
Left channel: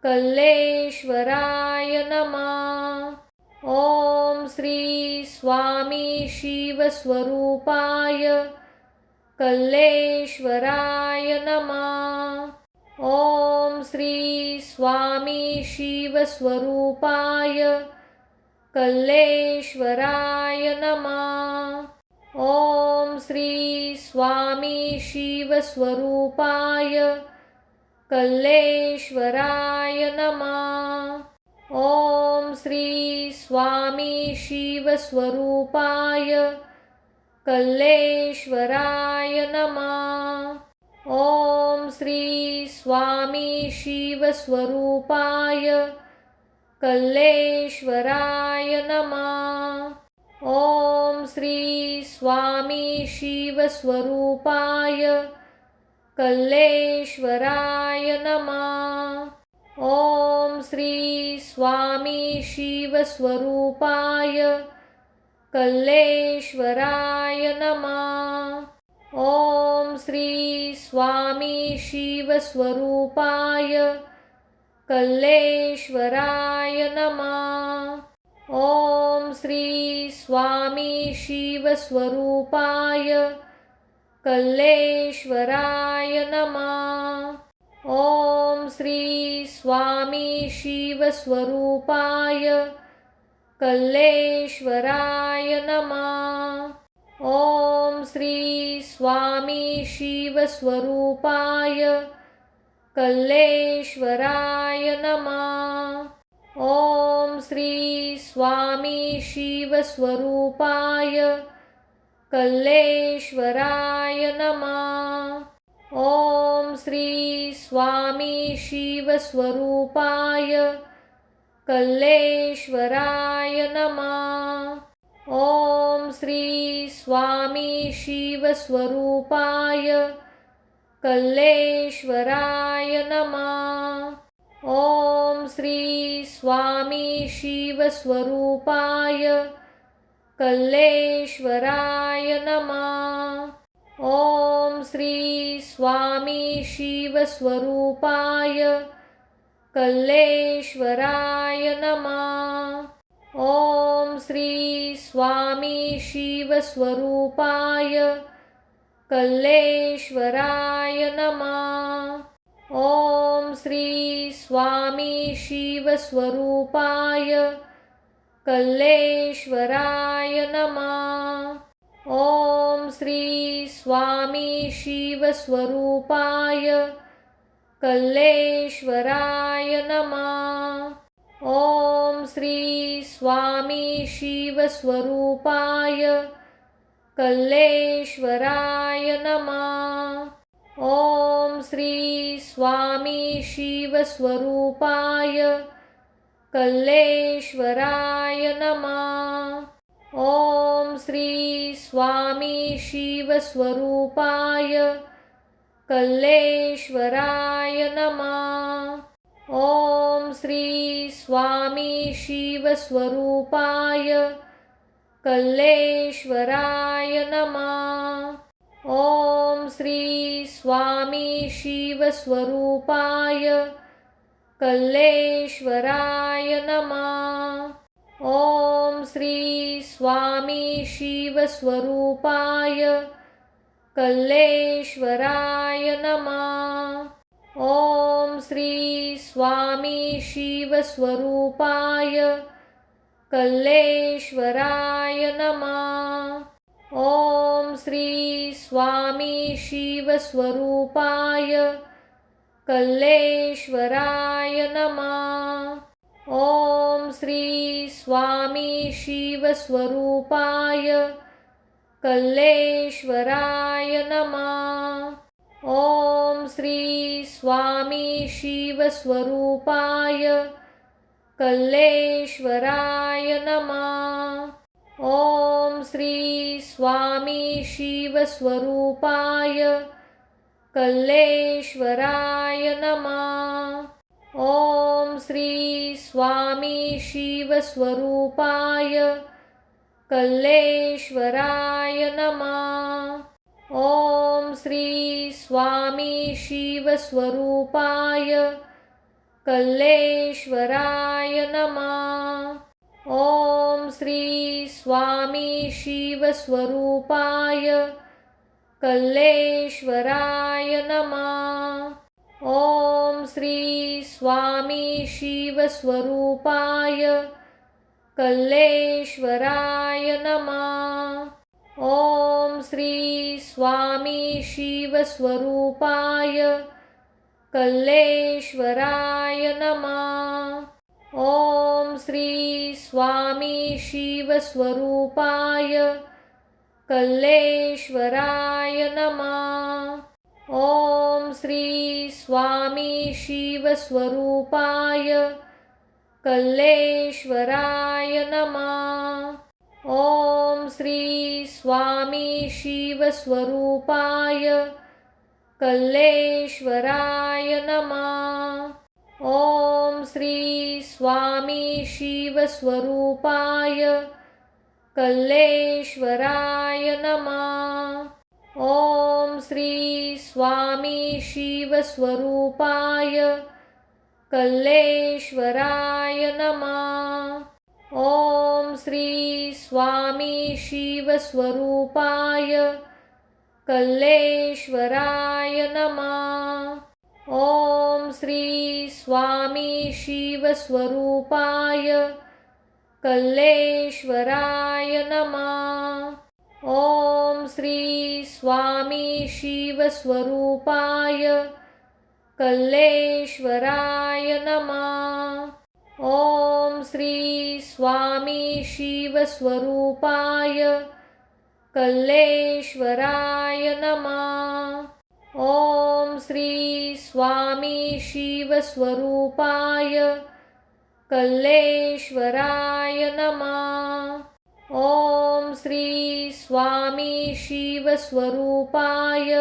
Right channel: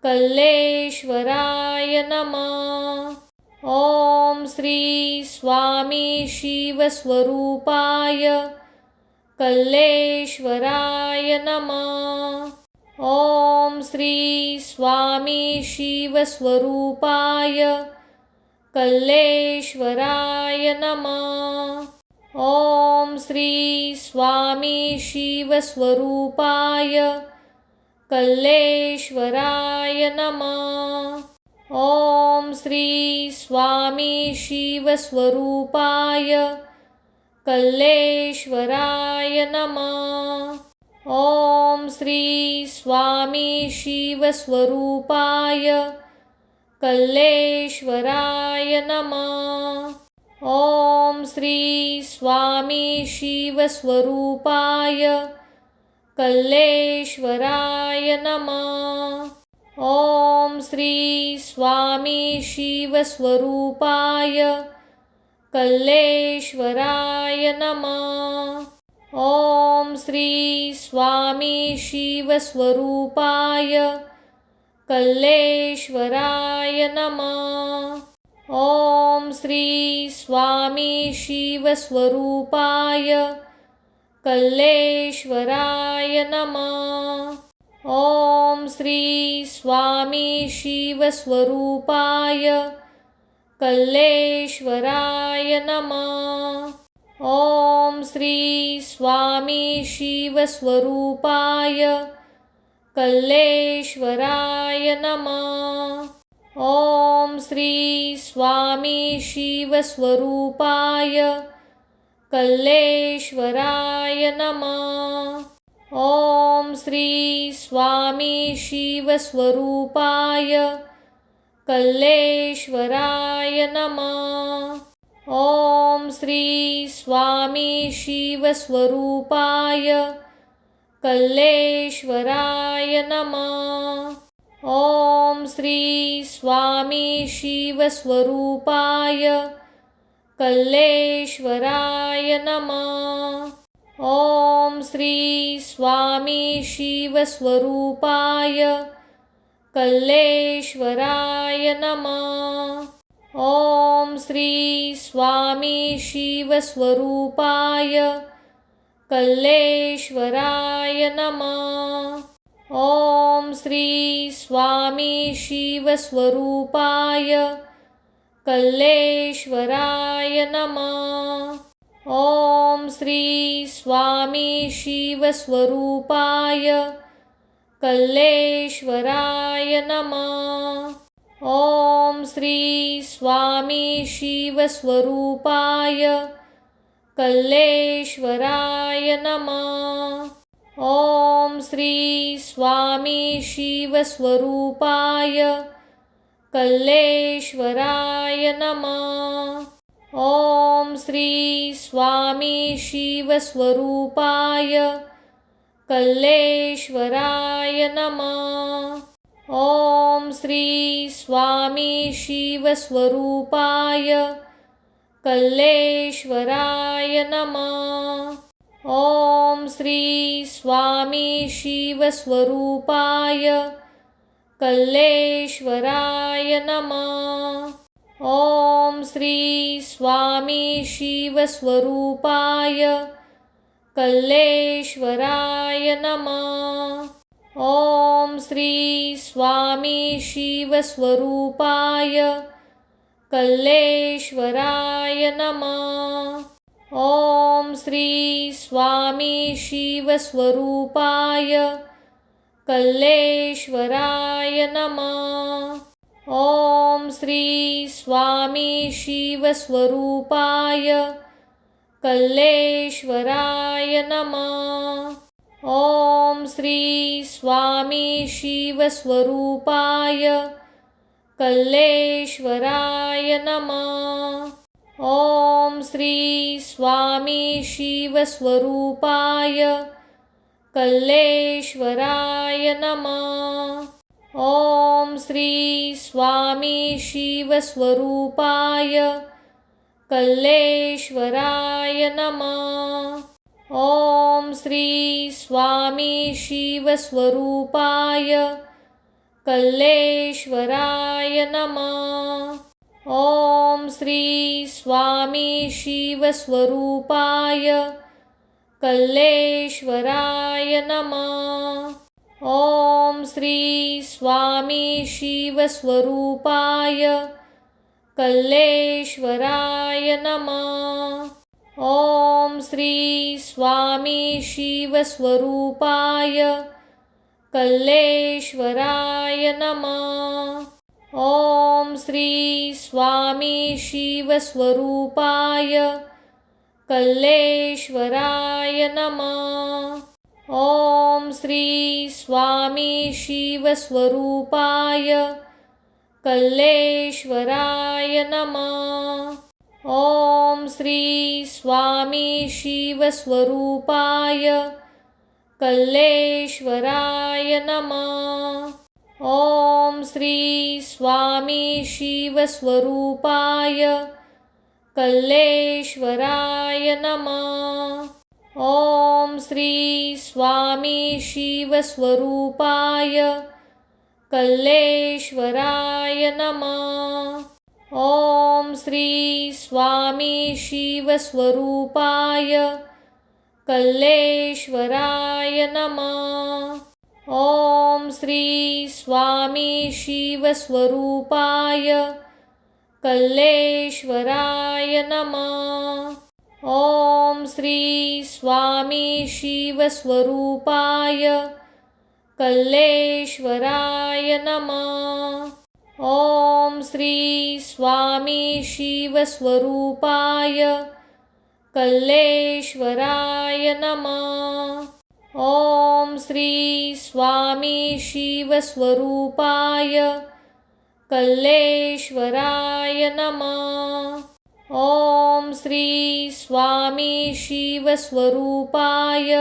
कल्लेश्वराय नमः। ओम श्री स्वामी शिवस्वरूपाय कल्लेश्वराय नमः। ओम श्री स्वामी शिवस्वरूपाय कल्लेश्वराय नमः। ओम श्री स्वामी शिवस्वरूपाय कल्लेश्वराय नमः। ओम श्री स्वामी शिवस्वरूपाय कल्लेश्वराय नमः। ओम श्री स्वामी शिवस्वरूपाय कल्लेश्वराय नमः। ओम श्री स्वामी शिवस्वरूपाय कल्लेश्वराय नमः। ओम श्री स्वामी शिवस्वरूपाय कल्लेश्वराय नमः। ओम श्री स्वामी शिवस्वरूपाय कल्लेश्वराय नमः। ओम श्री स्वामी शिवस्वरूपाय कल्लेश्वराय नमः। ओम श्री स्वामी शिवस्वरूपाय कल्लेश्वराय नमः। ओम श्री स्वामी शिवस्वरूपाय कल्लेश्वराय नमः। ओम श्री स्वामी शिवस्वरूपाय कल्लेश्वराय नमः। ओम श्री स्वामी शिवस्वरूपाय कल्लेश्वराय नमः। ओम श्री स्वामी शिवस्वरूपाय कल्लेश्वराय नमः। ओम श्री स्वामी शिवस्वरूपाय कल्लेश्वराय नमः। ओम श्री स्वामी शिवस्वरूपाय कल्लेश्वराय नमः। ओम श्री स्वामी शिवस्वरूपाय कल्लेश्वराय नमः। ओम श्री स्वामी शिवस्वरूपाय कल्लेश्वराय नमः। ओम श्री स्वामी शिवस्वरूपाय कल्लेश्वराय नमः। ओम श्री स्वामी शिवस्वरूपाय कल्लेश्वराय नमः। ओम श्री स्वामी शिवस्वरूपाय कल्लेश्वराय नमः। ओम श्री स्वामी शिवस्वरूपाय कल्लेश्वराय नमः। ओम श्री स्वामी शिवस्वरूपाय कल्लेश्वराय नमः। ओम श्री स्वामी शिवस्वरूपाय कल्लेश्वराय नमः। ओम श्री स्वामी शिवस्वरूपाय कल्लेश्वराय नमः। ओम श्री स्वामी शिवस्वरूपाय कल्लेश्वराय नमः। ओम श्री स्वामी शिवस्वरूपाय कल्लेश्वराय नमः। ओम श्री स्वामी शिवस्वरूपाय कल्लेश्वराय नमः। ओम श्री स्वामी शिवस्वरूपाय कल्लेश्वराय नमः। ओम श्री स्वामी शिवस्वरूपाय कल्लेश्वराय नमः। ओम श्री स्वामी शिवस्वरूपाय कल्लेश्वराय नमः। ओम श्री स्वामी शिवस्वरूपाय कल्लेश्वराय नमः। ओम श्री स्वामी शिवस्वरूपाय कल्लेश्वराय नमः। ओम श्री स्वामी शिवस्वरूपाय कल्लेश्वराय नमः। ओम श्री स्वामी शिवस्वरूपाय कल्लेश्वराय नमः। ओम श्री स्वामी शिवस्वरूपाय कल्लेश्वराय नमः। ओम श्री स्वामी शिवस्वरूपाय कल्लेश्वराय नमः। ओम श्री स्वामी शिवस्वरूपाय कल्लेश्वराय नमः। ओम श्री स्वामी शिवस्वरूपाय कल्लेश्वराय नमः। ओम श्री स्वामी शिवस्वरूपाय कल्लेश्वराय नमः। ओम श्री स्वामी शिवस्वरूपाय कल्लेश्वराय नमः। ओम श्री स्वामी शिवस्वरूपाय कल्लेश्वराय नमः। ओम श्री स्वामी शिवस्वरूपाय कल्लेश्वराय नमः। ओम श्री स्वामी शिवस्वरूपाय कल्लेश्वराय नमः। ओम श्री स्वामी शिवस्वरूपाय कल्लेश्वराय नमः। ओम श्री स्वामी शिवस्वरूपाय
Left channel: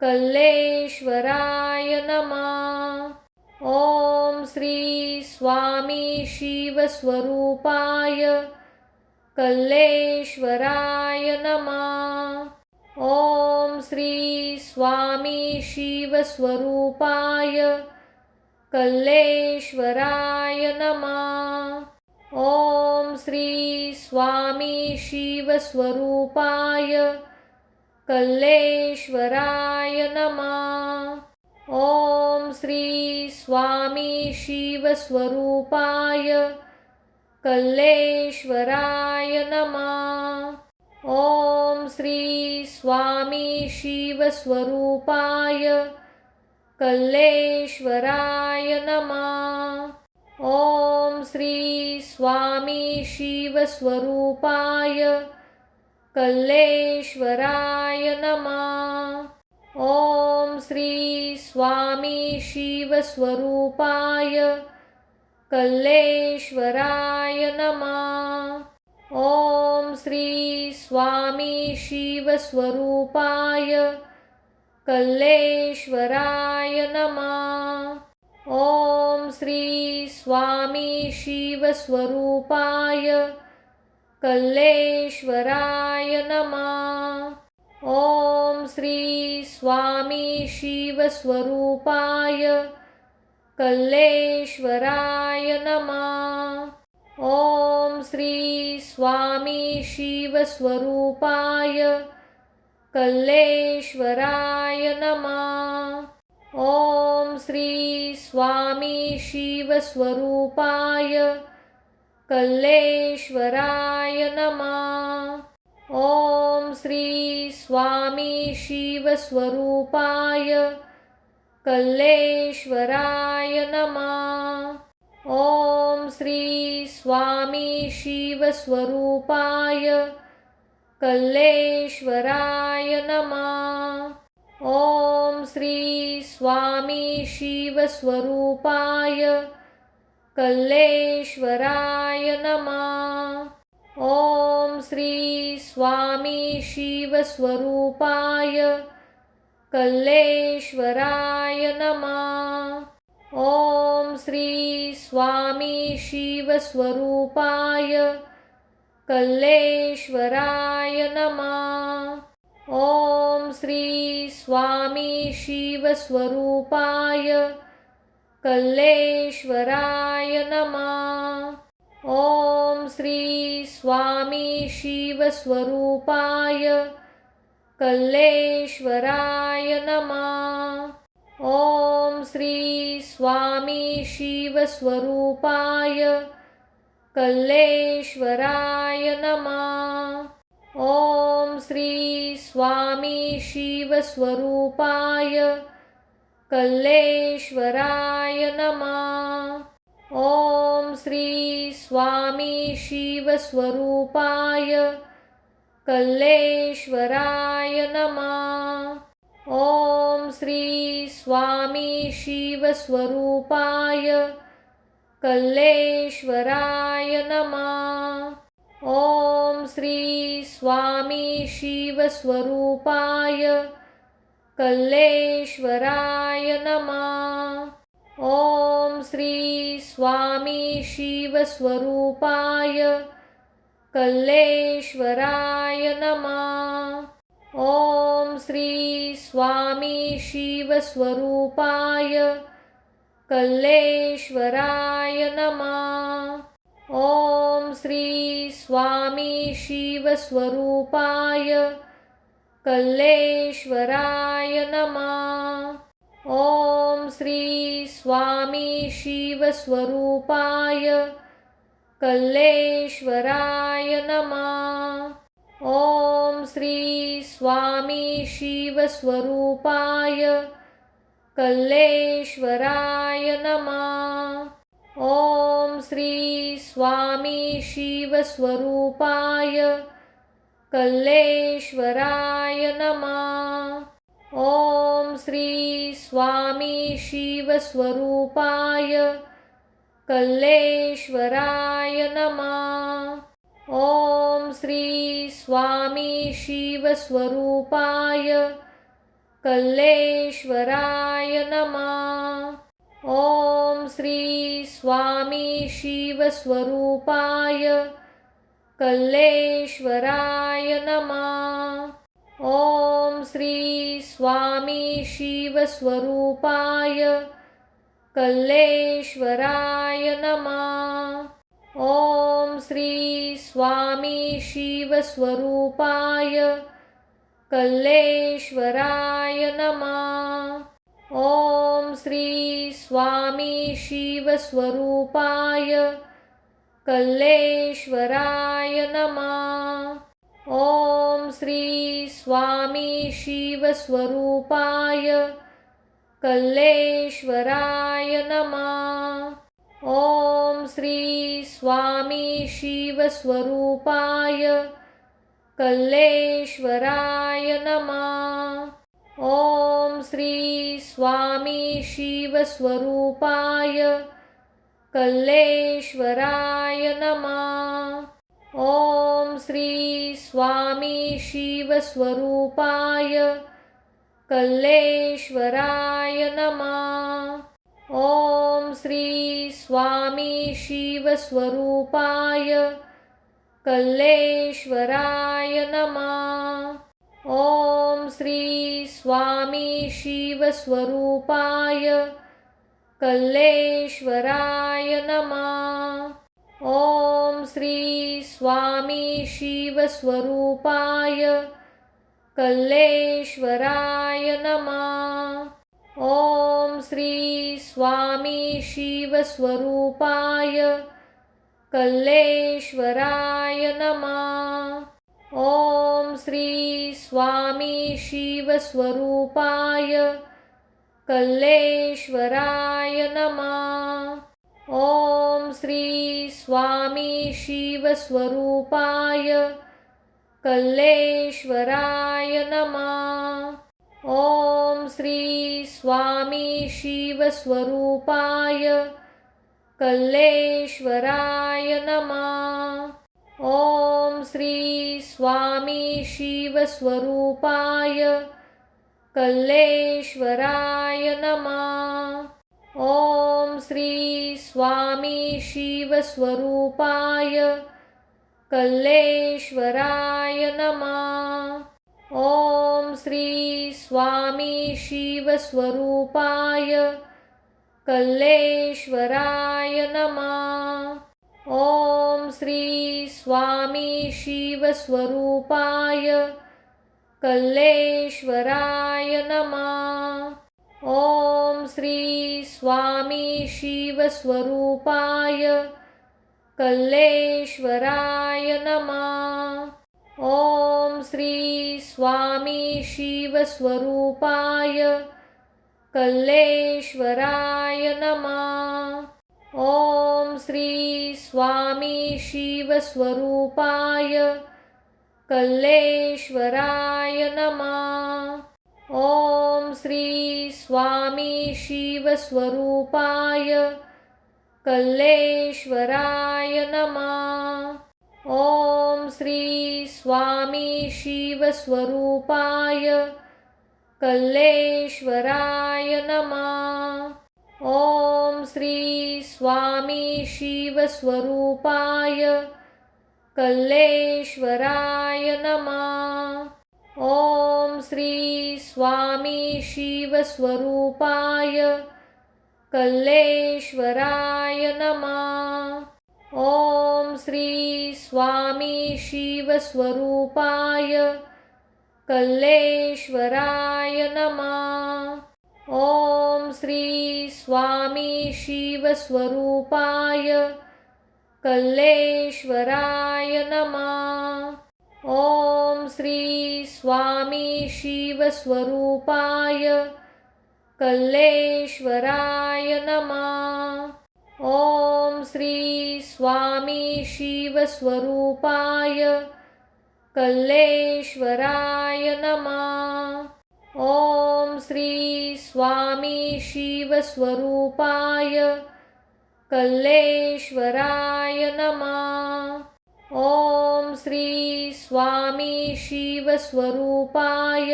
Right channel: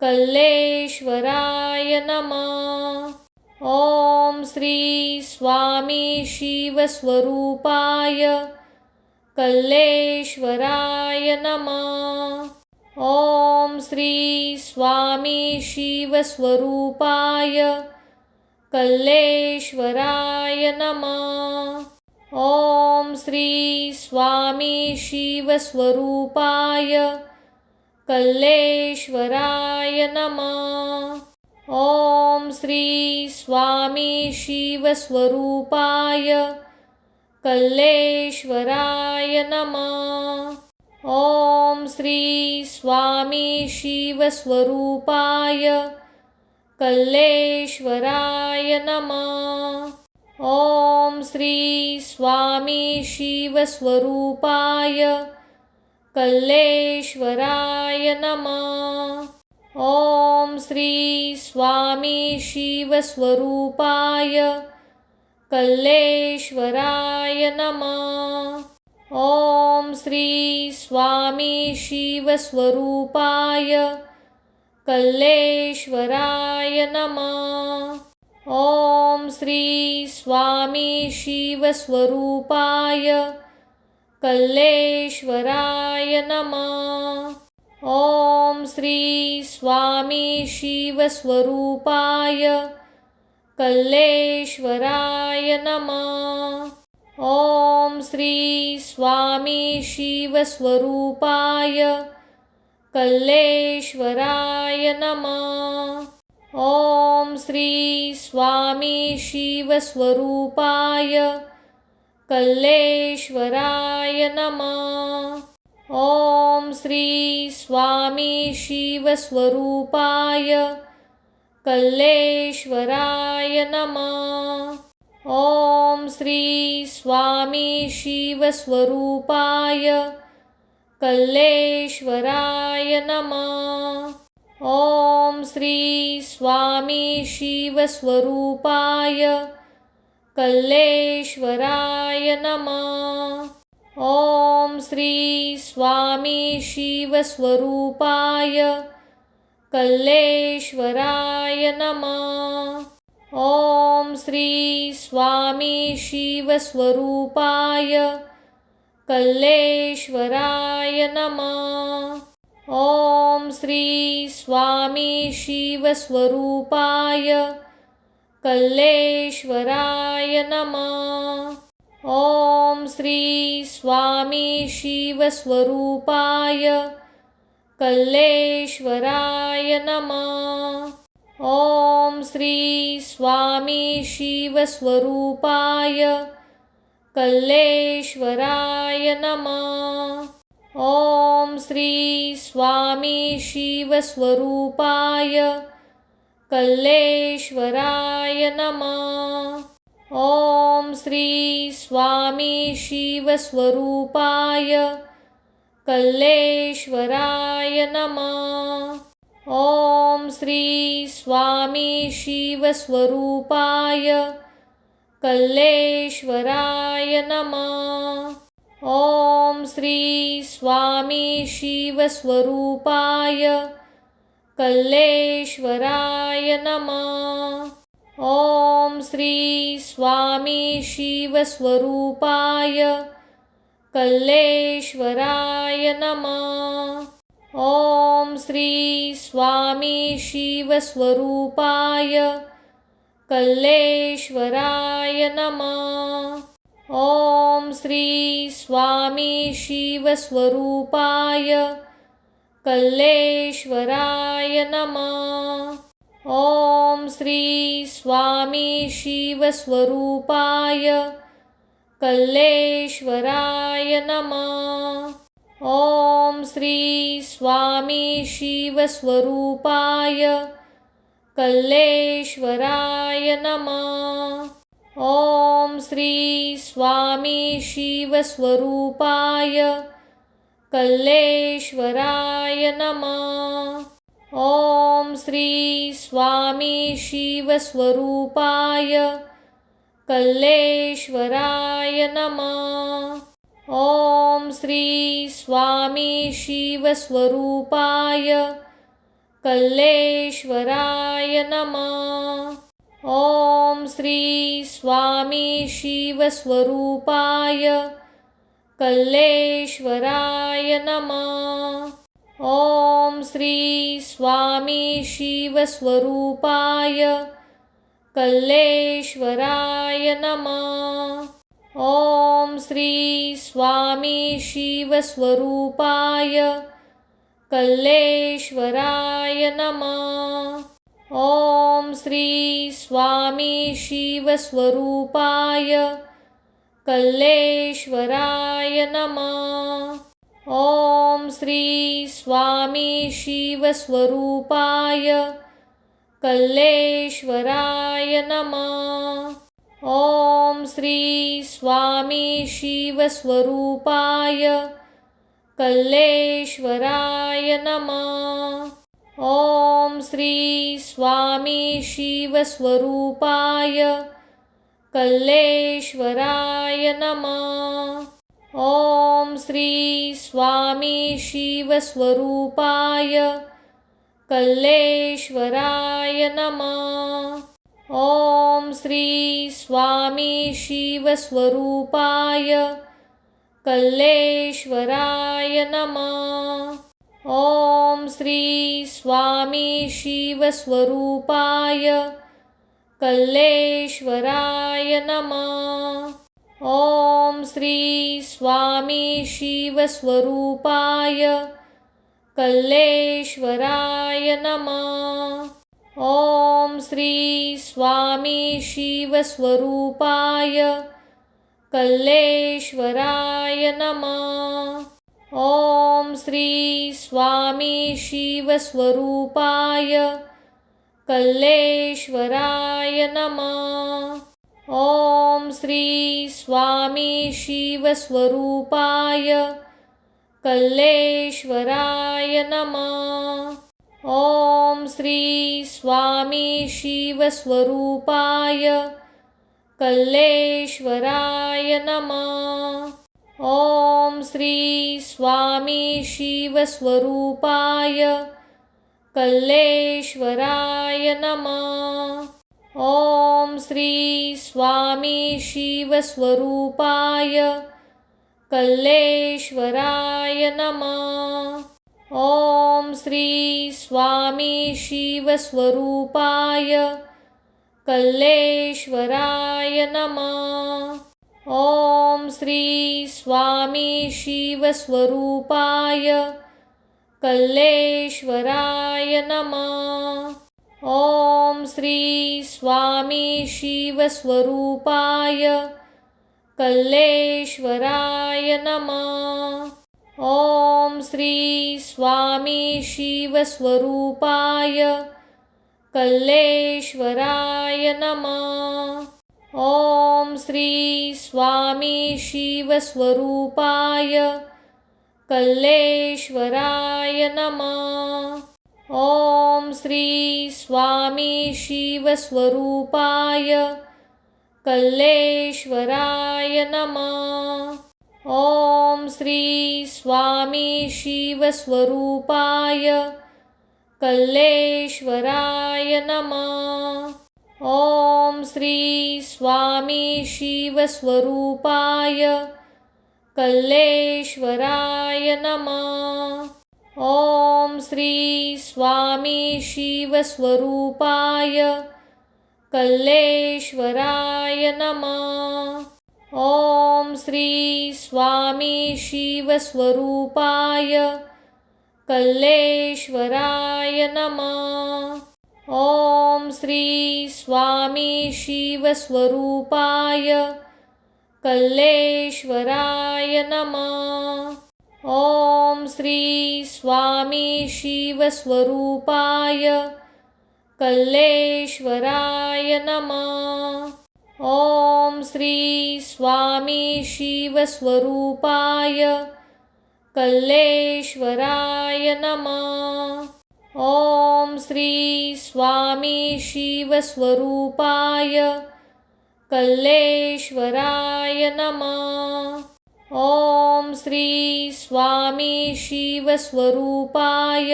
कल्लेश्वराय नमः। ओम श्री स्वामी शिवस्वरूपाय कल्लेश्वराय नमः। ओम श्री स्वामी शिवस्वरूपाय कल्लेश्वराय नमः। ओम श्री स्वामी शिवस्वरूपाय कल्लेश्वराय नमः। ओम श्री स्वामी शिवस्वरूपाय कल्लेश्वराय नमः। ओम श्री स्वामी शिवस्वरूपाय कल्लेश्वराय नमः। ओम श्री स्वामी शिवस्वरूपाय कल्लेश्वराय नमः। ओम श्री स्वामी शिवस्वरूपाय कल्लेश्वराय नमः। ओम श्री स्वामी शिवस्वरूपाय कल्लेश्वराय नमः। ओम श्री स्वामी शिवस्वरूपाय कल्लेश्वराय नमः। ओम श्री स्वामी शिवस्वरूपाय कल्लेश्वराय नमः। ओम श्री स्वामी शिवस्वरूपाय कल्लेश्वराय नमः। ओम श्री स्वामी शिवस्वरूपाय कल्लेश्वराय नमः। ओम श्री स्वामी शिवस्वरूपाय कल्लेश्वराय नमः। ओम श्री स्वामी शिवस्वरूपाय कल्लेश्वराय नमः। ओम श्री स्वामी शिवस्वरूपाय कल्लेश्वराय नमः। ओम श्री स्वामी शिवस्वरूपाय कल्लेश्वराय नमः। ओम श्री स्वामी शिवस्वरूपाय कल्लेश्वराय नमः। ओम श्री स्वामी शिवस्वरूपाय कल्लेश्वराय नमः। ओम श्री स्वामी शिवस्वरूपाय कल्लेश्वराय नमः। ओम श्री स्वामी शिवस्वरूपाय कल्लेश्वराय नमः। ओम श्री स्वामी शिवस्वरूपाय कल्लेश्वराय नमः। ओम श्री स्वामी शिवस्वरूपाय कल्लेश्वराय नमः। ओम श्री स्वामी शिवस्वरूपाय कल्लेश्वराय नमः। ओम श्री स्वामी शिवस्वरूपाय कल्लेश्वराय नमः। ओम श्री स्वामी शिवस्वरूपाय कल्लेश्वराय नमः। ओम श्री स्वामी शिवस्वरूपाय कल्लेश्वराय नमः। ओम श्री स्वामी शिवस्वरूपाय कल्लेश्वराय नमः। ओम श्री स्वामी शिवस्वरूपाय कल्लेश्वराय नमः। ओम श्री स्वामी शिवस्वरूपाय कल्लेश्वराय नमः। ओम श्री स्वामी शिवस्वरूपाय कल्लेश्वराय नमः। ओम श्री स्वामी शिवस्वरूपाय कल्लेश्वराय नमः। ओम श्री स्वामी शिवस्वरूपाय कल्लेश्वराय नमः। ओम श्री स्वामी शिवस्वरूपाय कल्लेश्वराय नमः। ओम श्री स्वामी शिवस्वरूपाय कल्लेश्वराय नमः। ओम श्री स्वामी शिवस्वरूपाय कल्लेश्वराय नमः। ओम श्री स्वामी शिवस्वरूपाय कल्लेश्वराय नमः। ओम श्री स्वामी शिवस्वरूपाय कल्लेश्वराय नमः। ओम श्री स्वामी शिवस्वरूपाय कल्लेश्वराय नमः। ओम श्री स्वामी शिवस्वरूपाय कल्लेश्वराय नमः। ओम श्री स्वामी शिवस्वरूपाय कल्लेश्वराय नमः। ओम श्री स्वामी शिवस्वरूपाय कल्लेश्वराय नमः। ओम श्री स्वामी शिवस्वरूपाय कल्लेश्वराय नमः। ओम श्री स्वामी शिवस्वरूपाय कल्लेश्वराय नमः। ओम श्री स्वामी शिवस्वरूपाय कल्लेश्वराय नमः। ओम श्री स्वामी शिवस्वरूपाय कल्लेश्वराय नमः। ओम श्री स्वामी शिवस्वरूपाय कल्लेश्वराय नमः। ओम श्री स्वामी शिवस्वरूपाय कल्लेश्वराय नमः। ओम श्री स्वामी शिवस्वरूपाय कल्लेश्वराय नमः। ओम श्री स्वामी शिवस्वरूपाय कल्लेश्वराय नमः। ओम श्री स्वामी शिवस्वरूपाय कल्लेश्वराय नमः। ओम श्री स्वामी शिवस्वरूपाय कल्लेश्वराय नमः। ओम श्री स्वामी शिवस्वरूपाय कल्लेश्वराय नमः। ओम श्री स्वामी शिवस्वरूपाय कल्लेश्वराय नमः। ओम श्री स्वामी शिवस्वरूपाय कल्लेश्वराय नमः। ओम श्री स्वामी शिवस्वरूपाय कल्लेश्वराय नमः। ओम श्री स्वामी शिवस्वरूपाय कल्लेश्वराय नमः। ओम श्री स्वामी शिवस्वरूपाय कल्लेश्वराय नमः। ओम श्री स्वामी शिवस्वरूपाय कल्लेश्वराय नमः। ओम श्री स्वामी शिवस्वरूपाय कल्लेश्वराय नमः। ओम श्री स्वामी शिवस्वरूपाय कल्लेश्वराय नमः। ओम श्री स्वामी शिवस्वरूपाय कल्लेश्वराय नमः। ओम श्री स्वामी शिवस्वरूपाय कल्लेश्वराय नमः। ओम श्री स्वामी शिवस्वरूपाय कल्लेश्वराय नमः। ओम श्री स्वामी शिवस्वरूपाय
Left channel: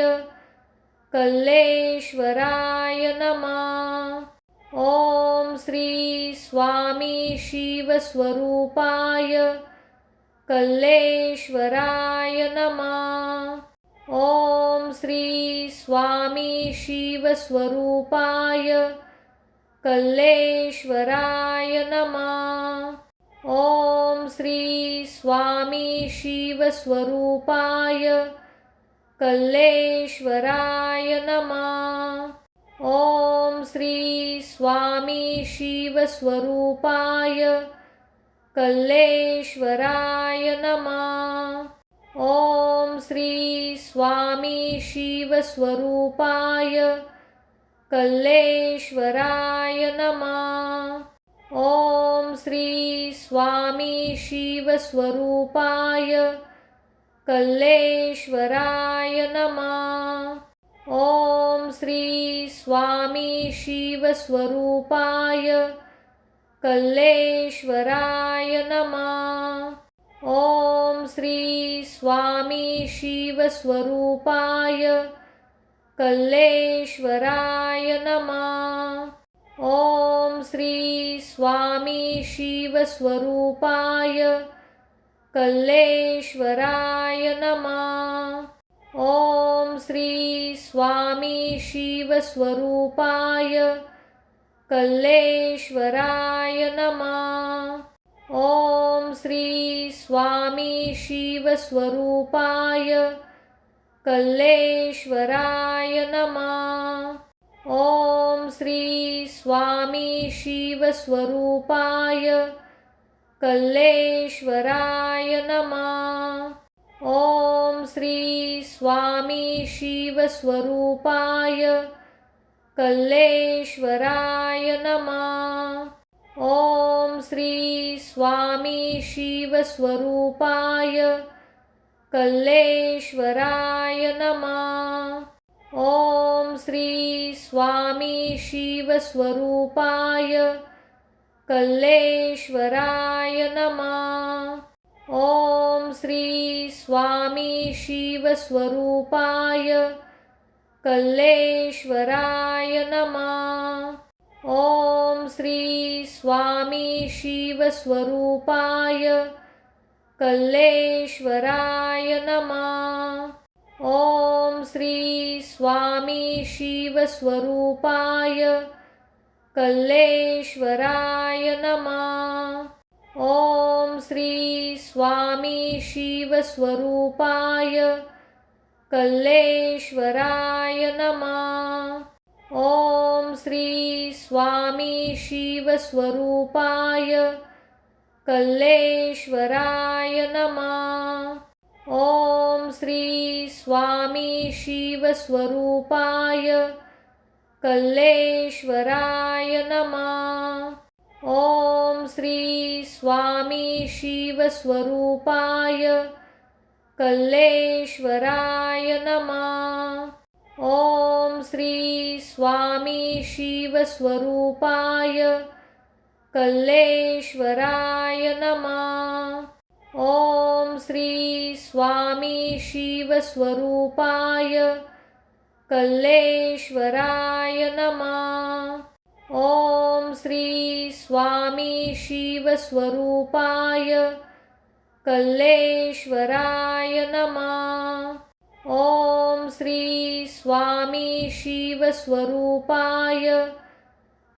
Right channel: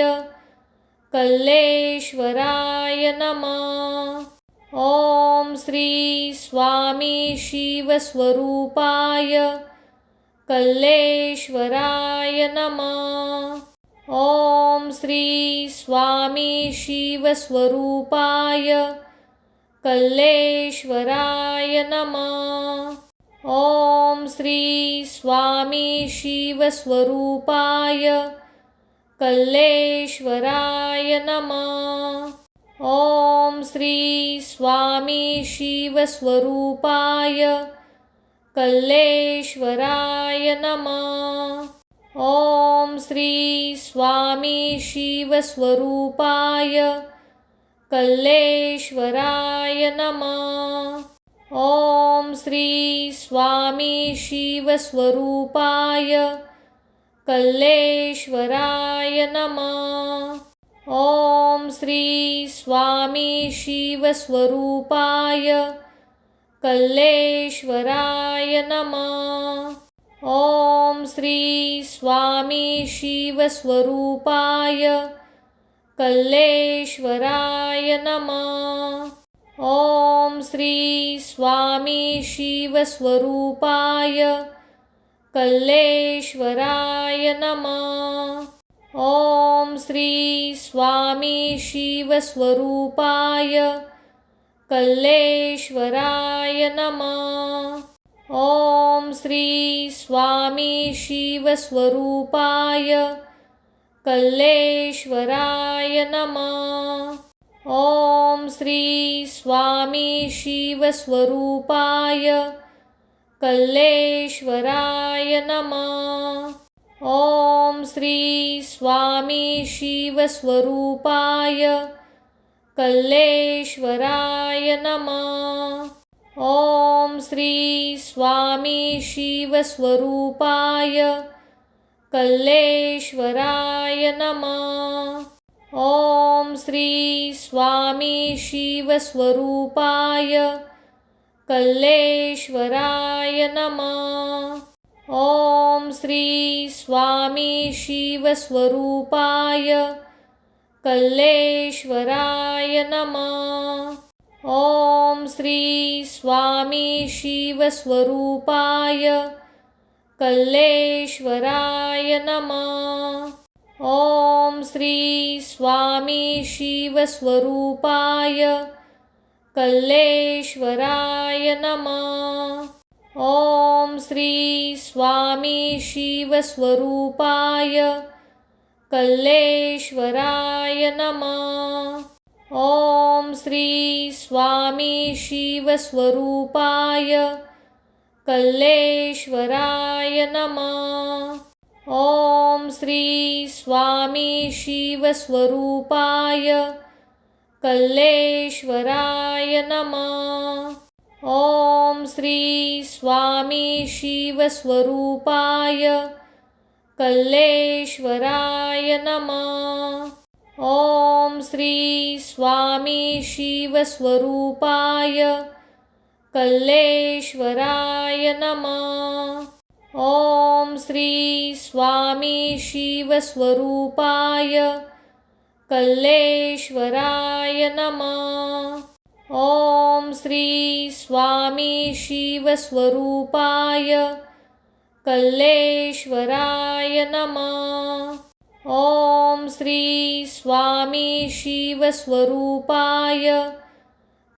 कल्लेश्वराय नमः। ओम श्री स्वामी शिवस्वरूपाय कल्लेश्वराय नमः। ओम श्री स्वामी शिवस्वरूपाय कल्लेश्वराय नमः। ओम श्री स्वामी शिवस्वरूपाय कल्लेश्वराय नमः। ओम श्री स्वामी शिवस्वरूपाय कल्लेश्वराय नमः। ओम श्री स्वामी शिवस्वरूपाय कल्लेश्वराय नमः। ओम श्री स्वामी शिवस्वरूपाय कल्लेश्वराय नमः। ओम श्री स्वामी शिवस्वरूपाय कल्लेश्वराय नमः। ओम श्री स्वामी शिवस्वरूपाय कल्लेश्वराय नमः। ओम श्री स्वामी शिवस्वरूपाय कल्लेश्वराय नमः। ओम श्री स्वामी शिवस्वरूपाय कल्लेश्वराय नमः। ओम श्री स्वामी शिवस्वरूपाय कल्लेश्वराय नमः। ओम श्री स्वामी शिवस्वरूपाय कल्लेश्वराय नमः। ओम श्री स्वामी शिवस्वरूपाय कल्लेश्वराय नमः। ओम श्री स्वामी शिवस्वरूपाय कल्लेश्वराय नमः। ओम श्री स्वामी शिवस्वरूपाय कल्लेश्वराय नमः। ओम श्री स्वामी शिवस्वरूपाय कल्लेश्वराय नमः। ओम श्री स्वामी शिवस्वरूपाय कल्लेश्वराय नमः। ओम श्री स्वामी शिवस्वरूपाय कल्लेश्वराय नमः। ओम श्री स्वामी शिवस्वरूपाय कल्लेश्वराय नमः। ओम श्री स्वामी शिवस्वरूपाय कल्लेश्वराय नमः। ओम श्री स्वामी शिवस्वरूपाय कल्लेश्वराय नमः। ओम श्री स्वामी शिवस्वरूपाय कल्लेश्वराय नमः। ओम श्री स्वामी शिवस्वरूपाय कल्लेश्वराय नमः। ओम श्री स्वामी शिवस्वरूपाय कल्लेश्वराय नमः। ओम श्री स्वामी शिवस्वरूपाय कल्लेश्वराय नमः। ओम श्री स्वामी शिवस्वरूपाय